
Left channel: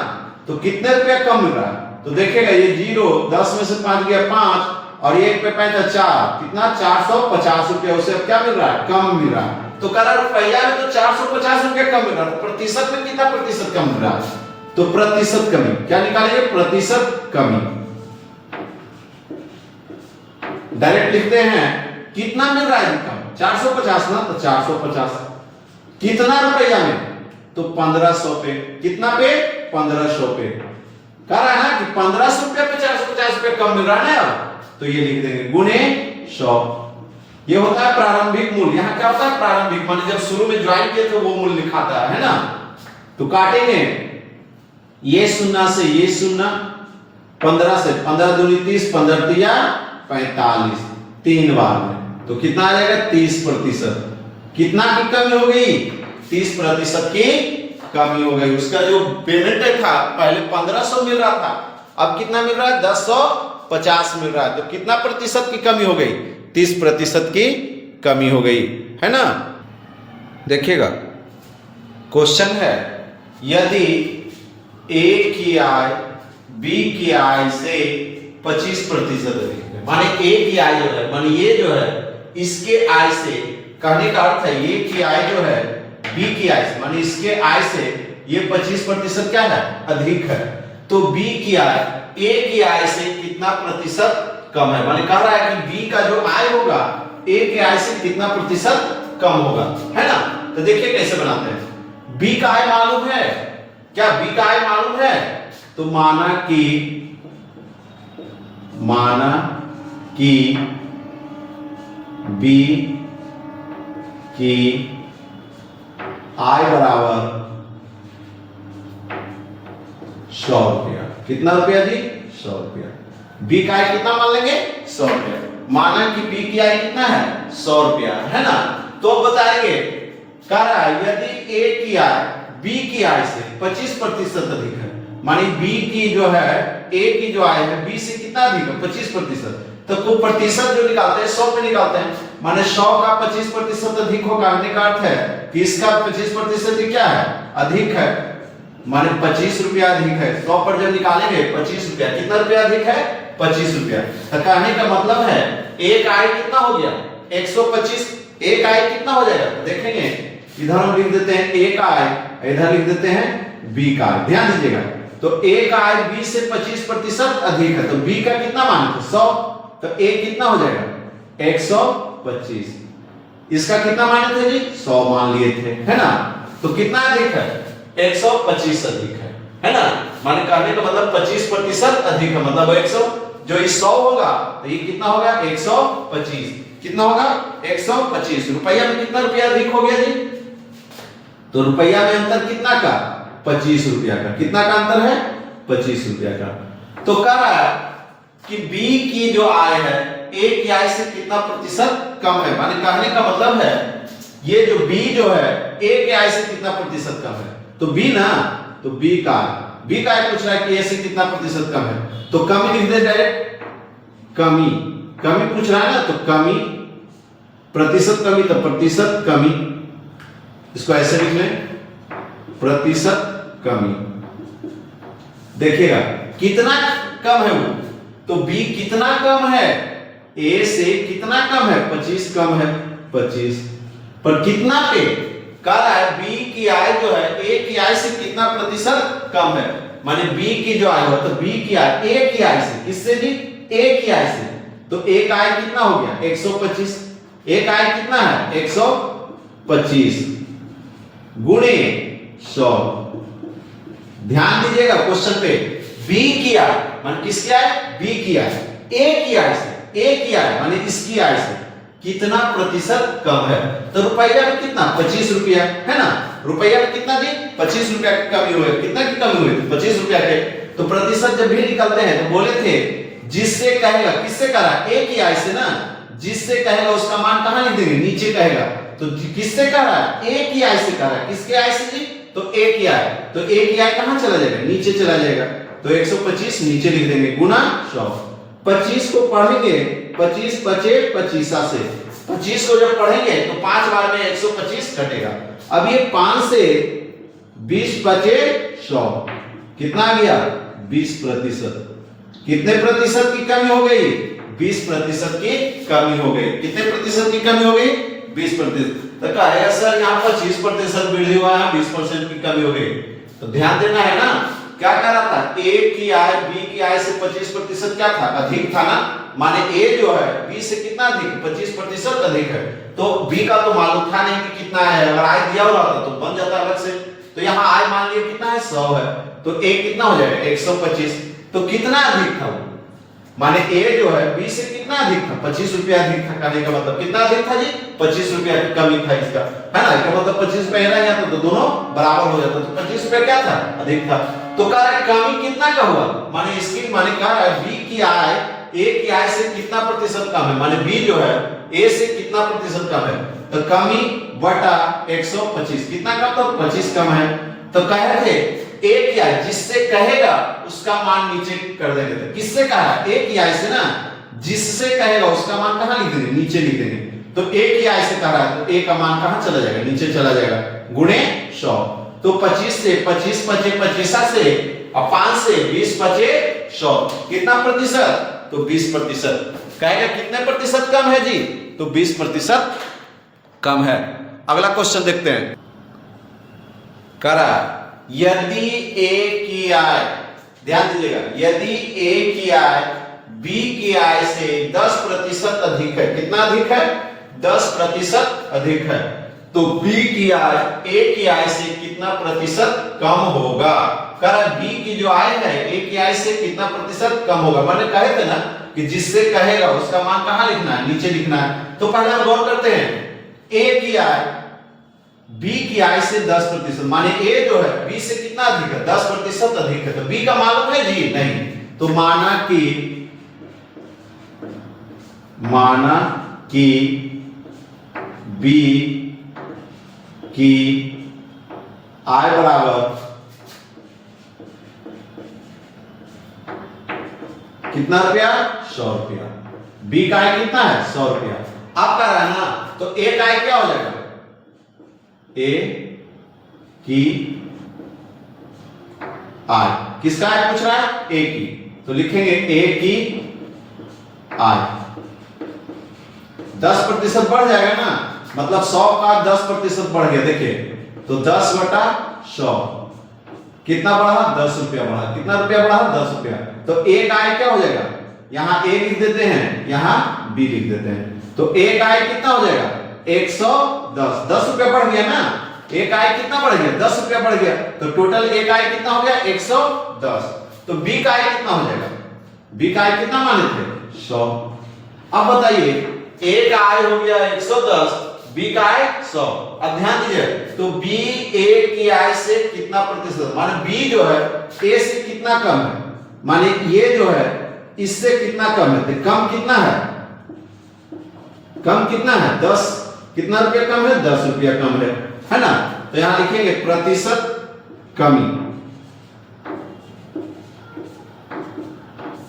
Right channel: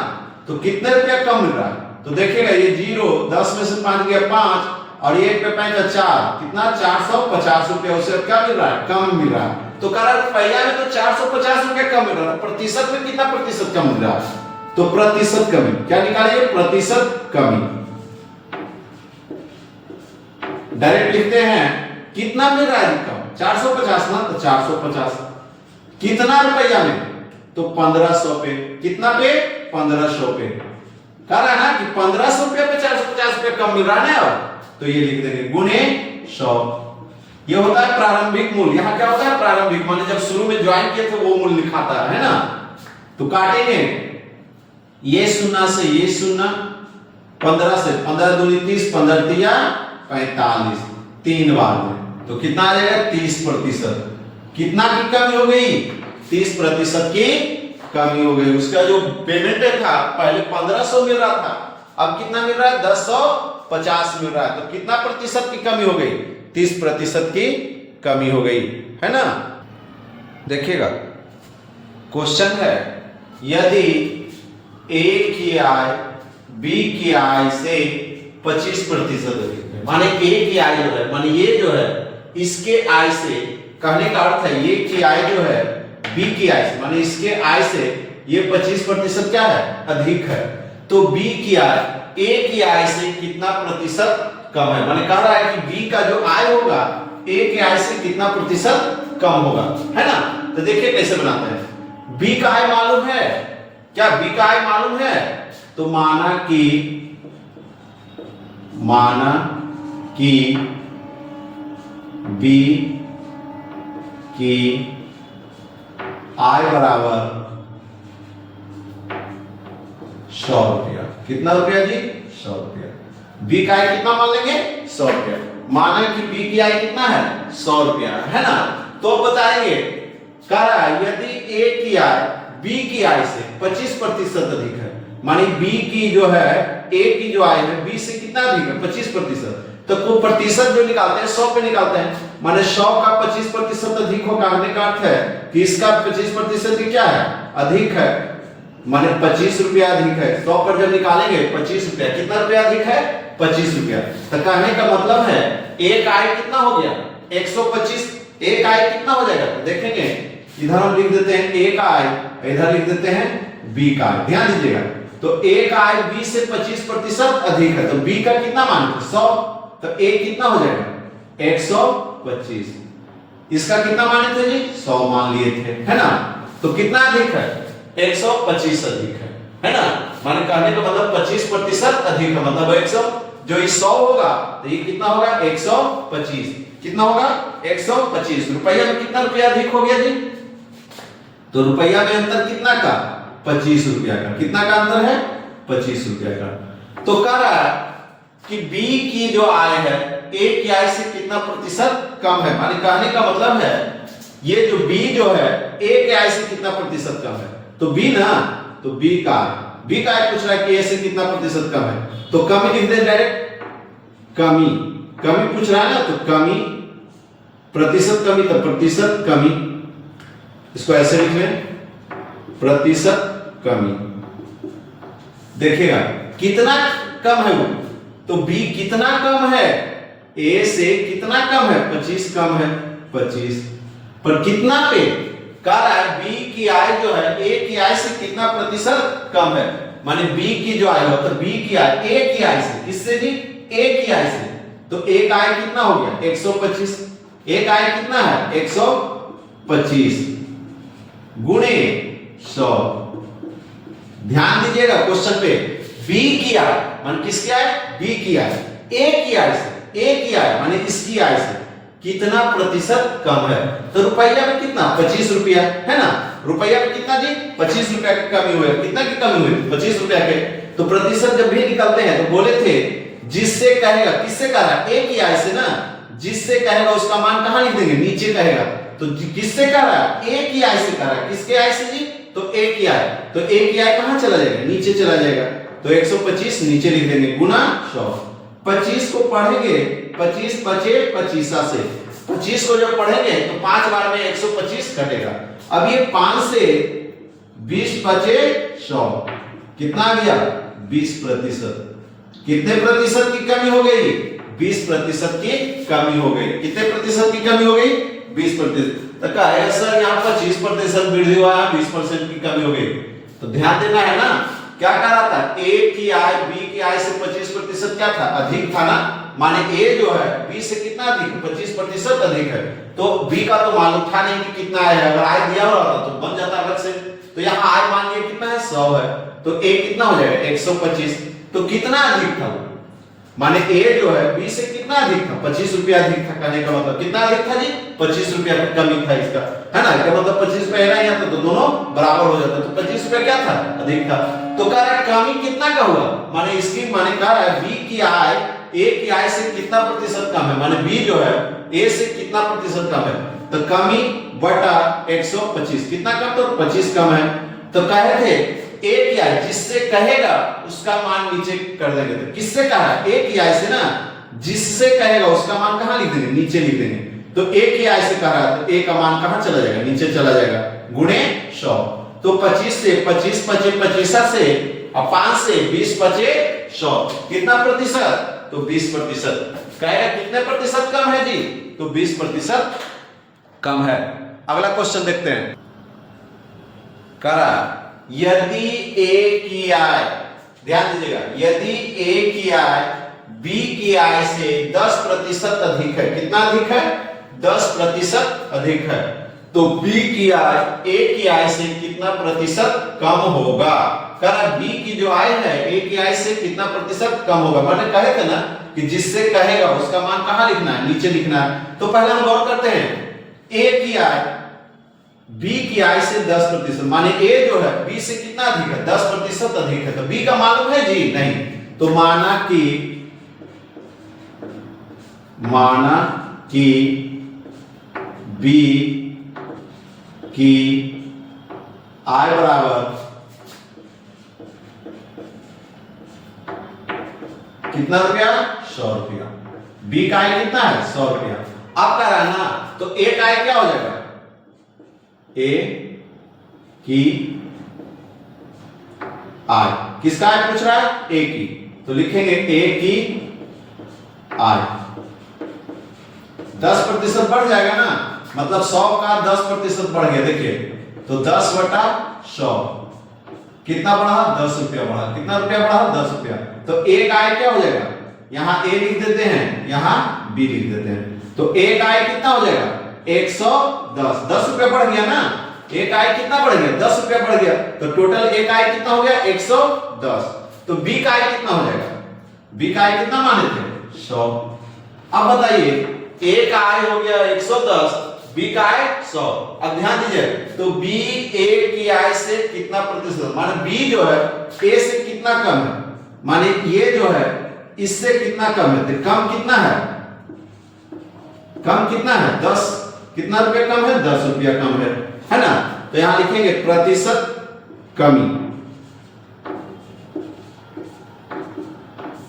तो कितने रुपया कम मिल रहा है, तो देखिएगा ये 0, 10 में से 5 गया 5 और ये 1 पे 5 4, कितना 450 रुपया उसे अब क्या मिल रहा है, कम मिल रहा है। तो कह रहा है पहिया में तो 450 रुपया कम मिल रहा है, प्रतिशत में कितना प्रतिशत कम मिल रहा है, तो प्रतिशत कमी। क्या निकालेंगे, प्रतिशत कमी। डायरेक्ट लिखते हैं कितना मिल रहा है कम, 450 ना, तो 450 कितना रुपया में, तो 1500 पे। कितना पे, 1500 पे। कह रहा है ना कि 1500 रुपया पे 450 रुपया कम मिल रहा है ना, तो ये लिख देंगे गुणे 100। ये होता है प्रारंभिक मूल्य। यहाँ क्या होता है, प्रारंभिक माने जब शुरू में ज्वाइन किए थे वो मूल्य लिखाता है ना। तो काटेंगे, ये शून्य से ये शून्य, 15 से 15 दूनी 30, 15 तिया 45, 3 बार में, तो कितना आ जाएगा, 30%। कितना की कमी हो गई, 30% की कमी हो गई। उसका जो पेमेंट था पहले 1500 मिल रहा था, अब कितना मिल रहा है, 1050 मिल रहा है। तो कितना प्रतिशत की कमी हो गई, 30% की कमी हो गई, है ना। देखिएगा क्वेश्चन है, यदि ए की आय बी की आय से 25% अधिक है। माने ए की आय जो है, माने ये जो है इसके आय से, कहने का अर्थ है ये की आय जो है बी की आय से, माने इसके आय से ये 25% क्या है, अधिक है। तो बी की आय ए की आय से कितना प्रतिशत कम है, माने कह रहा है कि बी का जो आय होगा ए के आय से कितना प्रतिशत कम होगा, है ना। तो देखिए कैसे बनाते हैं। बी का आय मालूम है क्या, बी का आय मालूम है, तो माना कि बी की आय बराबर 100 रुपया। कितना रुपया जी, 100 रुपया। बी का आय कितना मान लेंगे, 100 रुपया। माना कि बी की आय कितना है, 100 रुपया, है ना। तो बताएंगे, कह रहा है यदि ए की आय बी की आय से 25% अधिक है, मानी बी की जो है ए की जो आय है बी से कितना अधिक है, 25%। तो कुल प्रतिशत जो निकालते हैं 100 पे निकालते हैं, माने 100 का 25% अधिक होगा, कहने का अर्थ है कि इसका 25% क्या है, अधिक है, माने 25 रुपया अधिक है। 100 पर जब निकालेंगे 25 रुपया, कितना रुपया अधिक है, 25 रुपया। तो कहने का मतलब है एक आय कितना हो गया, 125। एक आय कितना हो जाएगा, तो देखेंगे इधर हम लिख देते हैं एक आय, इधर लिख देते हैं बी का आय। ध्यान दीजिएगा, तो एक आय बी से 25% अधिक है, तो बी का कितना मान थे, 100। तो ए कितना हो जाएगा, 125। इसका कितना माने थे जी, 100 मान लिए थे, है ना। तो कितना अधिक है, 125 अधिक है ना। माने कहने का मतलब 25% अधिक है, मतलब 100, जो 100 होगा तो ये कितना होगा, 125। कितना होगा, 125। रुपया में कितना रुपया अधिक हो गया जी, तो रुपया में अंतर कितना का, 25 रुपया का। कितना का अंतर है, 25 रुपया का। तो कह रहा है कि बी की जो आय है ए की आय से कितना प्रतिशत कम है, माने कहने का मतलब है ये जो बी जो है ए के आय से कितना प्रतिशत कम है। तो बी ना, तो बी का आय पूछ रहा है कि ए से कितना प्रतिशत कम है, तो कमी लिख दे डायरेक्ट, कमी पूछ रहा है ना, तो कमी, प्रतिशत कमी, तो प्रतिशत कमी, इसको ऐसे लिख लें, प्रतिशत कमी। देखिएगा कितना कम है वो, तो बी कितना कम है, ए से कितना कम है, 25 कम है, 25 पर कितना पे, कह रहा है बी की आय जो है ए की आय से कितना प्रतिशत कम है, माने बी की जो आय हो, तो बी की आय ए की आय से, किससे जी, ए की आय से। तो एक आय कितना हो गया, 125। एक आय कितना है, 125 गुणे 100। ध्यान दीजिएगा क्वेश्चन पे, बी की आय मान किसकी आय, बी की आय ए की आय से, ए की आय माने इसकी आय से कितना प्रतिशत कम है। तो रुपया में कितना, 25 रुपया, है ना। रुपया में कितना जी, 25 रुपया की कमी हुई। कितना की कमी हुई, 25 रुपया के। तो प्रतिशत जब भी निकलते हैं तो बोले थे जिससे कहेगा, किससे कह रहा है, ए की आय से ना, जिससे कहेगा उसका मान कहां लिख देंगे, नीचे कहेगा। तो किससे कह रहा है, ए की आय से कह रहा है, किसके आय से जी, तो ए की आय। तो ए की आय कहां चला जाएगा, नीचे चला जाएगा। तो 125 नीचे लिख देंगे गुना 100। 25 को पढ़ेंगे, 25 पचे 25 से, 25 को जब पढ़ेंगे तो 5 बार में 125 कटेगा। अब ये 5 से 20 पचे 100, कितना आ गया, 20%। कितने प्रतिशत की कमी हो गई, 20% की कमी हो गई। कितने प्रतिशत की कमी हो गई, 20%। तो कहेगा सर यहाँ 25% वृद्धि हुआ, 20% की कमी हो गई। तो ध्यान देना है ना, क्या कह रहा था, ए की आय बी की आय से 25% क्या था, अधिक था ना। माने ए जो है बी से कितना अधिक, 25% अधिक है। तो बी का तो मालूम था नहीं कि कितना है, अगर आय दिया हुआ था तो बन जाता अलग से। तो यहाँ आय मान लिया कितना है, 100 है, तो ए कितना हो जाएगा, 125। तो कितना अधिक था वो, माने ए जो है बी से कितना अधिक था, 25 रुपया अधिक था। कहने का मतलब कितना अधिक था जी, 25 रुपया की कमी था इसका, है ना। क्या मतलब 25 रुपया है ना, यहाँ तो दोनों बराबर हो जाता। तो 25 रुपया क्या था, अधिक था। तो कह रहा है कमी कितना का हुआ, माने इसकी माने कह रहा है बी की आय ए की आय से कितना प्रतिशत कम है, माने बी जो है ए से कितना प्रतिशत कम है। तो कमी बटा 125, कितना कम, तो 25 कम है। तो कहे थे ए की आय जिससे कहेगा उसका मान नीचे कर देंगे। तो किससे कहा, ए की आय से ना, जिससे कहेगा उसका मान कहां लिख देंगे, नीचे लिख देंगे। तो ए की आय से कह रहा है, तो ए का मान कहां चला जाएगा, नीचे चला जाएगा, गुणे 100। तो 25 से 25 पचे 25 से, और 5 से 20 पचे 100, कितना प्रतिशत, तो 20%। कहेगा कितने प्रतिशत कम है जी? तो 20% कम है। अगला क्वेश्चन देखते हैं। करा यदि ए की आय, ध्यान दीजिएगा, यदि ए की आय बी की आय से 10% अधिक है, कितना अधिक है? 10% अधिक है, तो बी की आय ए की आय से कितना प्रतिशत कम होगा? करा बी की जो आय है ए की आय से कितना प्रतिशत कम होगा? मैंने कहे थे ना कि जिससे कहेगा उसका मान कहां लिखना है? नीचे लिखना है। तो पहले हम गौर करते हैं, ए की आय बी की आय से 10%, माने ए जो है बी से कितना अधिक है? 10% अधिक है, तो बी का मालूम है जी? नहीं। तो माना कि बी की आय बराबर कितना रुपया? 100 रुपया। बी का आय कितना है? 100 रुपया। अब कह रहा है ना, तो ए का आय क्या हो जाएगा? ए की आय, किसका आय पूछ रहा है? ए की, तो लिखेंगे ए की आय 10% बढ़ जाएगा ना, मतलब 100 का 10% बढ़ गया। देखिए, तो 10/100 कितना बढ़ा? 10 रुपया बढ़ा। कितना रुपया बढ़ा? 10 रुपया। तो ए का आय क्या हो जाएगा? यहां ए लिख देते हैं, यहां बी लिख देते हैं। तो ए का आय कितना हो जाएगा? 110। 10 रुपया बढ़ गया ना, ए का आय कितना बढ़ गया? 10 रुपया बढ़ गया, तो टोटल ए का आय कितना हो गया? 110। तो बी का आय कितना हो जाएगा? बी का आय कितना माने थे? 100। अब बताइए, ए का आय हो गया 110, बी का आय 100। अब ध्यान दीजिए, तो बी ए की आय से कितना प्रतिशत, माने बी जो है ए से कितना कम है, माने ये जो है इससे कितना कम है? तो कम कितना है? कम कितना है? 10। कितना रुपया कम है? 10 रुपया कम है ना? तो यहां लिखेंगे प्रतिशत कमी।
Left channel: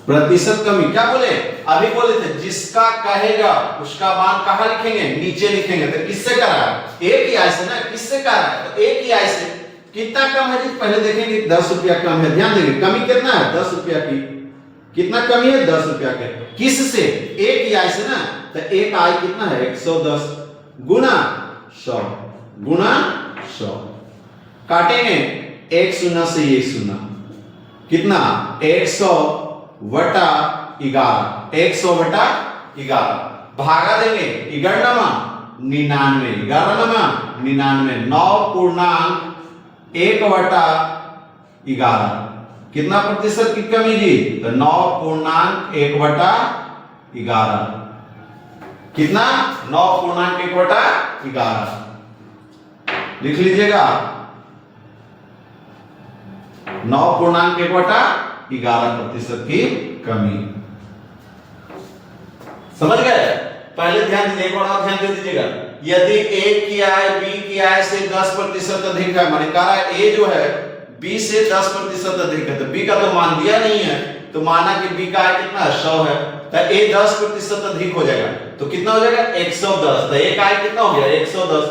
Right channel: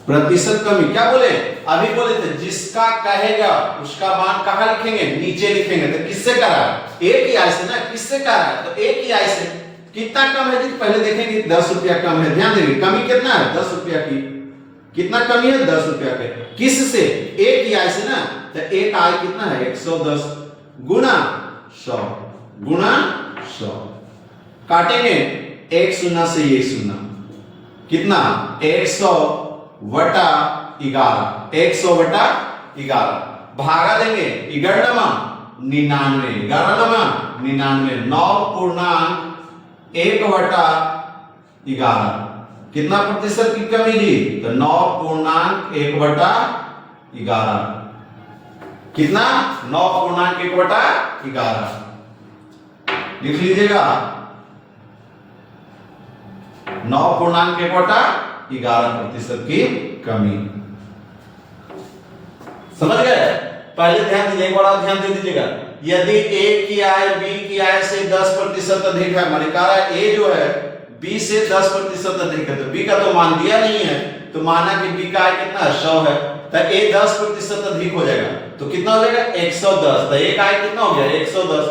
प्रतिशत कमी क्या बोले? अभी बोले थे जिसका कहेगा उसका मान कहां लिखेंगे? नीचे लिखेंगे। तो किससे करा? ए की आय से ना। किससे करा? तो ए की आय से कितना कम है जी? पहले देखेंगे 10 रुपया कम है। ध्यान देंगे, कमी कितना है? 10 रुपया की। कितना कमी है? 10 रुपया के। किससे? ए की आय से ना। तो ए का आय कितना है? 110 गुना 100 गुना 100। काटेंगे 1 शून्य से 1 शून्य, कितना? 100 बटा 11। 100 बटा 11 भागा देंगे 11 99, 99 9.1 बटा 11। कितना प्रतिशत की कमी जी? तो 9.1 बटा 11। कितना? 9.1 बटा 11 लिख लीजिएगा। 9.1 बटा 11% की कमी। समझ गए? पहले ध्यान दीजिए, बड़ा ध्यान दे दीजिएगा। यदि ए की आय बी की आय से 10% अधिक है, माने कह रहा है ए जो है बी से 10% अधिक है, तो बी का तो मान दिया नहीं है, तो माना कि बी का आय कितना है? 100 है, तो ए 10% अधिक हो जाएगा, तो कितना हो जाएगा? 110। तो ए का आय कितना हो गया? 110।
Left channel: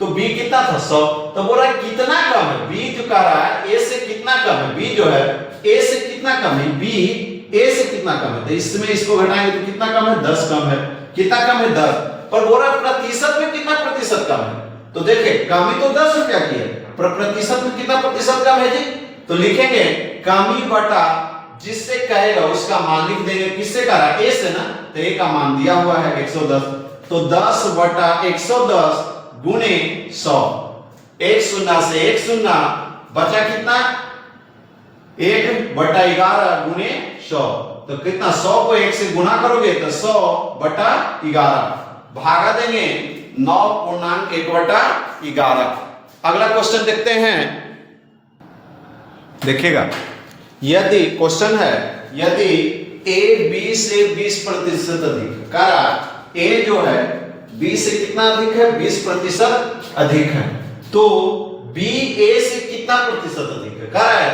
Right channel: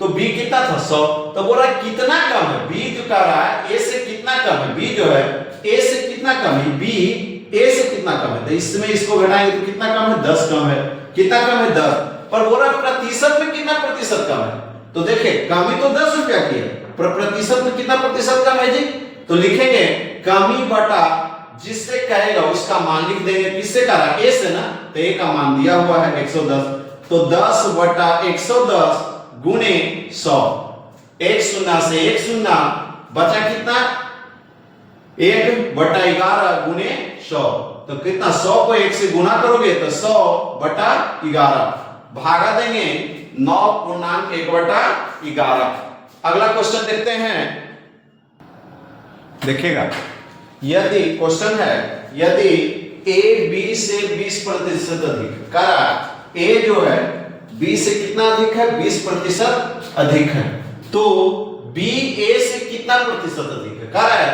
तो बी कितना था? 100। तो बोल रहा है कितना कम है? बी जो कह रहा है ए से कितना कम है? बी जो है ए से कितना कम है? बी ए से कितना कम है? तो इसमें इसको घटाएंगे तो कितना कम है? 10 कम है। कितना कम है? 10। पर बोल रहा है प्रतिशत में कितना प्रतिशत कम है? तो देखिए, कमी तो 10 रुपया की है, पर प्रतिशत में कितना प्रतिशत कम है जी? तो लिखेंगे कमी बटा जिससे कहेगा उसका मान लिख देंगे। किससे कह रहा है? ए से ना। तो ए का मान दिया हुआ है 110, तो 10 बटा 110 गुने 100। 1 शून्य से 1 शून्य बचा कितना? 1 बटा 11 गुने 100। तो कितना? 100 को 1 से गुना करोगे तो 100 बटा 11 भागा देंगे 9.1 बटा 11। अगला क्वेश्चन देखते हैं। देखिएगा, यदि क्वेश्चन है यदि ए बी से 20% अधिक, करा ए जो है बी से कितना अधिक है? 20% अधिक है, तो बी ए से कितना प्रतिशत अधिक है? कह रहा है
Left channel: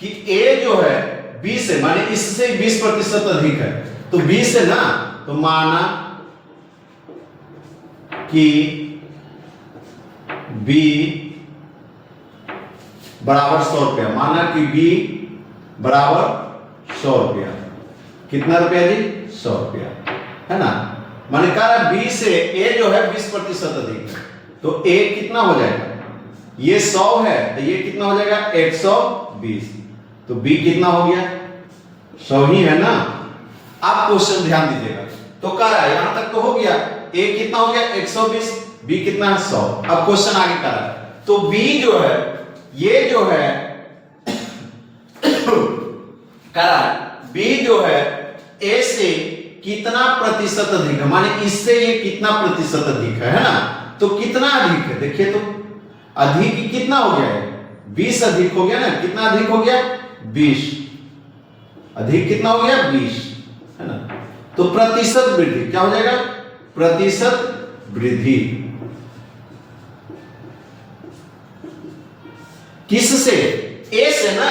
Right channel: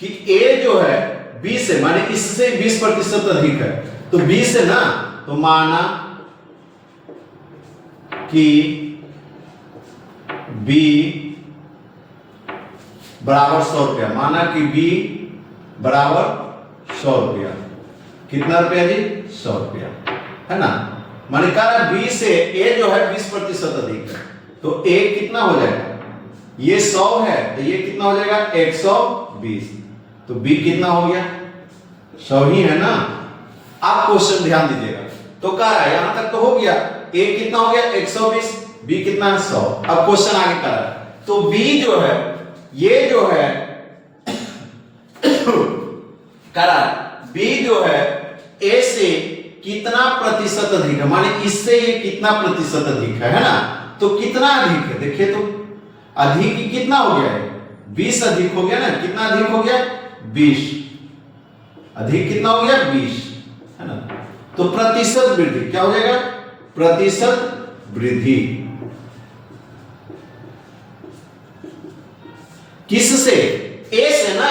कि ए जो है बी से, माने इससे 20% अधिक है, तो बी से ना, तो माना कि बी बराबर 100 रुपया, माना कि बी बराबर 100 रुपया, कितना रुपया जी? 100 रुपया, है ना। माने कहा बी से ए जो है 20% अधिक है, तो ए कितना हो जाएगा? ये 100 है तो ये कितना हो जाएगा? 120। तो बी कितना हो गया? 100 ही है ना। आप क्वेश्चन ध्यान दीजिएगा, तो कह रहा है यहां तक तो हो गया, ए कितना हो गया? 120, बी कितना है? 100। अब क्वेश्चन आगे कर रहा है, तो बी जो है ये जो है कह रहा है बी जो है ए से कितना प्रतिशत अधिक है, माने इससे ये कितना प्रतिशत अधिक है ना। तो कितना अधिक है देखिए, तो अधिक कितना हो गया है? 20 अधिक हो गया ना। कितना अधिक हो गया? 20 अधिक कितना हो गया? 20, है ना। तो प्रतिशत वृद्धि क्या हो जाएगा? प्रतिशत वृद्धि किससे? ए से ना।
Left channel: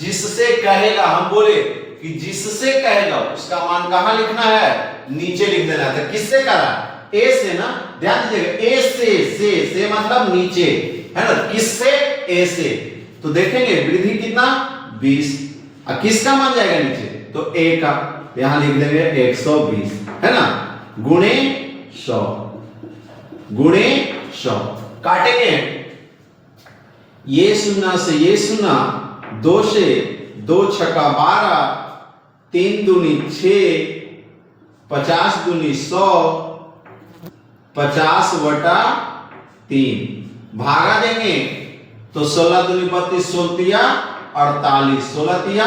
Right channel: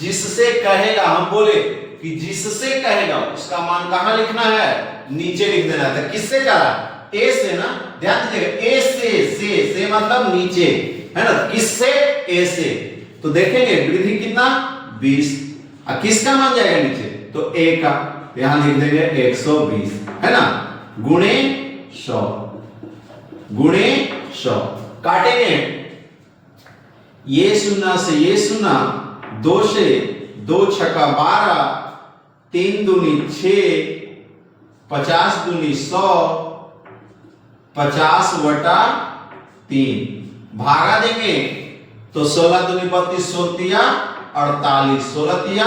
जिससे कहेगा, हम बोले कि जिससे कहेगा उसका मान कहां लिखना है? नीचे लिख देना था। किससे कहा? ए से ना। ध्यान दीजिएगा, ए से मतलब नीचे, है ना। किससे? ए से। तो देखेंगे वृद्धि कितना? 20। अब किसका मान जाएगा नीचे? तो ए का, यहां लिख देंगे 120, है ना, गुणे 100, गुणे 100। काटेंगे, ये शून्य से ये शून्य, 2 से 2 छक्का 12, 3 दूनी 6, 50 दूनी 100, 50/3 भागा देंगे तो 16 दूनी 32, 16 48, 16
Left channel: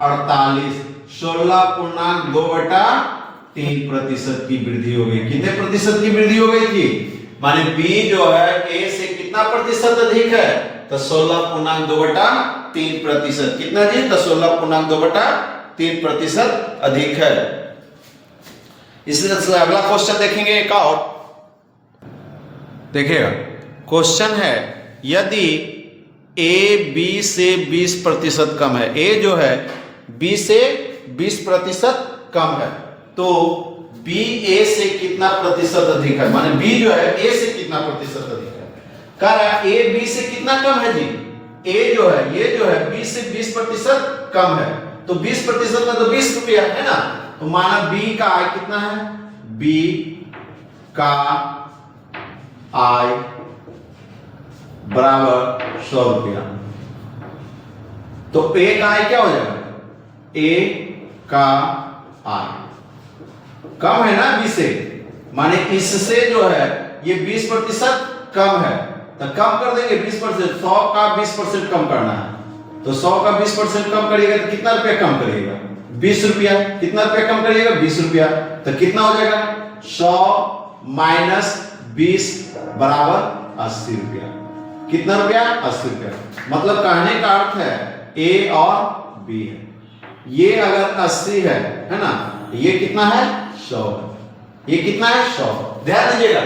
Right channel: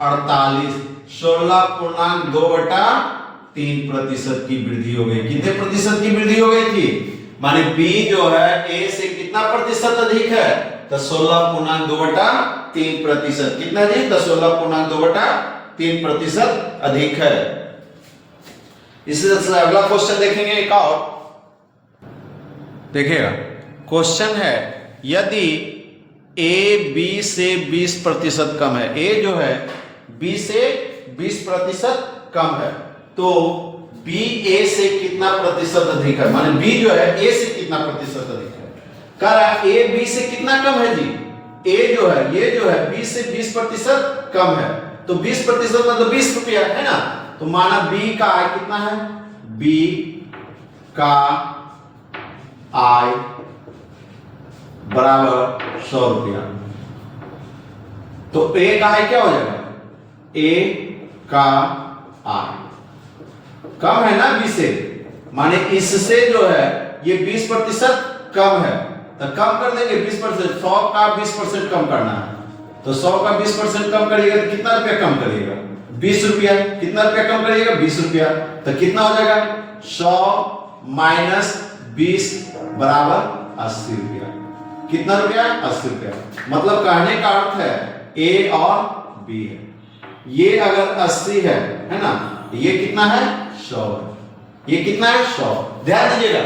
48, 16.2/3% की वृद्धि हो गई। कितने प्रतिशत की वृद्धि हो गई थी? माने बी जो है ए से कितना प्रतिशत अधिक है? तो 16.2/3%। कितना जी? तो 16.2/3% अधिक है। इसी तरह से अगला क्वेश्चन देखेंगे एक और। देखिएगा, क्वेश्चन है यदि ए बी से 20% कम है, ए जो है बी से 20% कम है, तो बी ए से कितना प्रतिशत अधिक है? माने बी जो है ए से कितना प्रतिशत अधिक है? कह रहा है ए बी से कितना कम है जी? ए जो है ये जो है बी से 20% कम है, तो 20% मतलब 20 रुपया, है ना। तो माना बी का आय कितना है? बी का आय बराबर 100 रुपया। तो ए का आय क्या हो जाएगा? ए का आय कम है ना बी से, माने इससे जो है ये 20% कम है, तो कम कर देंगे 20%। 100 का 20% कम करना है, तो 100 का 20% कम करिएगा तो कितना रुपया कम करिएगा? 20 रुपया। कितना रुपया कम करिएगा? 20 रुपया। तो कितना हो जाएगा? 100 माइनस 20 बराबर 80 रुपया। कितना रुपया? 80 रुपया। मतलब कहने का अर्थ है ए और बी है, ये अगर 80 है ना, ये कितना है? 100 है। ये कितना है? 100। ध्यान दीजिएगा,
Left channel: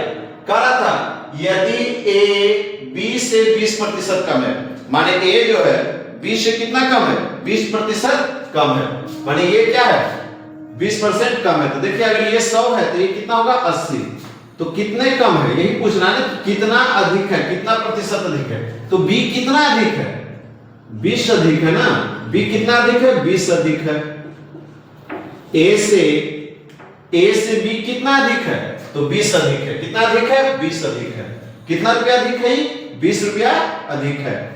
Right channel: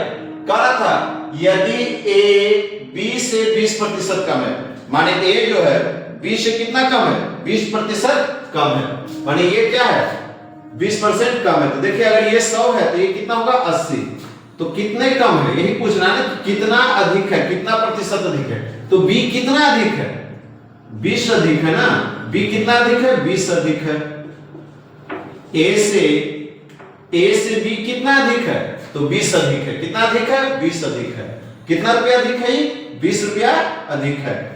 कह रहा था यदि ए बी से 20% कम है, माने ए जो है बी से कितना कम है? 20% कम है, माने ये क्या है? 20% कम है। तो देखिए अगर ये 100 है तो ये कितना होगा? 80। तो कितने कम है यही पूछना है ना, कितना अधिक है, कितना प्रतिशत अधिक है। तो बी कितना अधिक है? 20 अधिक है ना। बी कितना अधिक है? 20 अधिक है। ए से बी कितना अधिक है? तो 20 अधिक है। कितना अधिक है? 20 अधिक है। कितना रुपया अधिक है? 20 रुपया अधिक है।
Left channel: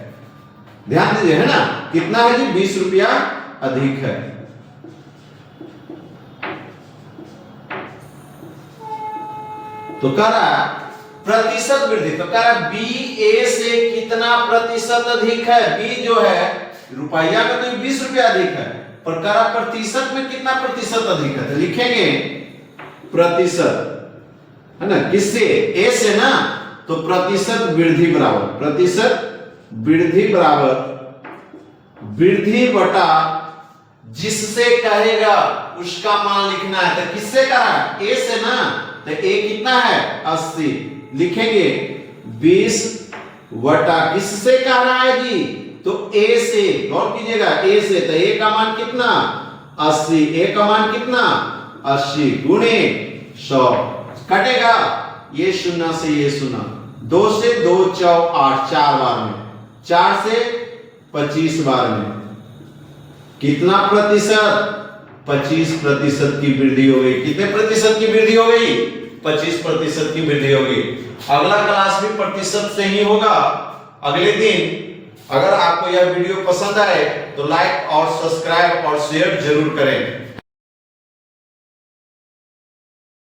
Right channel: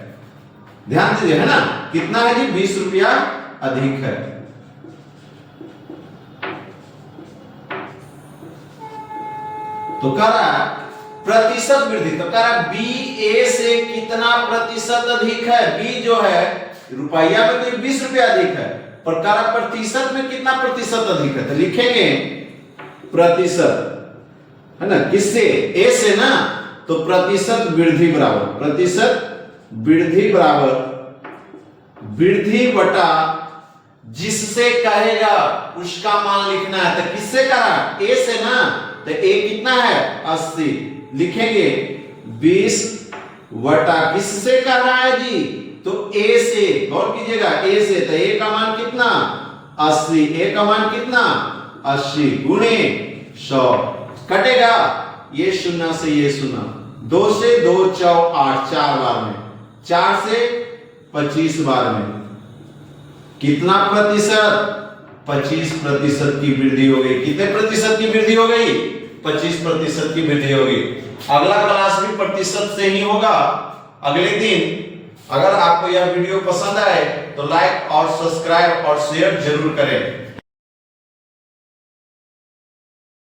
ध्यान दीजिए, है ना, कितना है जी? 20 रुपया अधिक है। तो कह रहा है प्रतिशत वृद्धि, तो कह रहा है बी ए से कितना प्रतिशत अधिक है? बी जो है रुपया में तो 20 रुपया अधिक है, पर कह रहा प्रतिशत में कितना प्रतिशत अधिक है? तो लिखेंगे प्रतिशत, है ना, किससे? ए से ना। तो प्रतिशत वृद्धि बराबर, प्रतिशत वृद्धि बराबर वृद्धि बटा जिससे कहेगा उसका मान लिखना है। तो किससे कहा? ए से ना। तो ए कितना है? 80। लिखेंगे 20 बटा किससे कह रहा है जी? तो ए से। गौर कीजिएगा, ए से। तो ए का मान कितना? 80। ए का मान कितना? 80 गुणे 100। कटेगा ये शून्य से ये शून्य, 2 से 2 4 8, 4 बार में, 4 से 25 बार में। कितना प्रतिशत? 25% की वृद्धि हो गई। कितने प्रतिशत की वृद्धि हो गई? 25% की वृद्धि हो गई। अगला क्लास भी प्रतिशत से ही होगा अगले दिन। अगर आपको यह वीडियो पसंद आए तो लाइक और सब्सक्राइब और शेयर जरूर करें।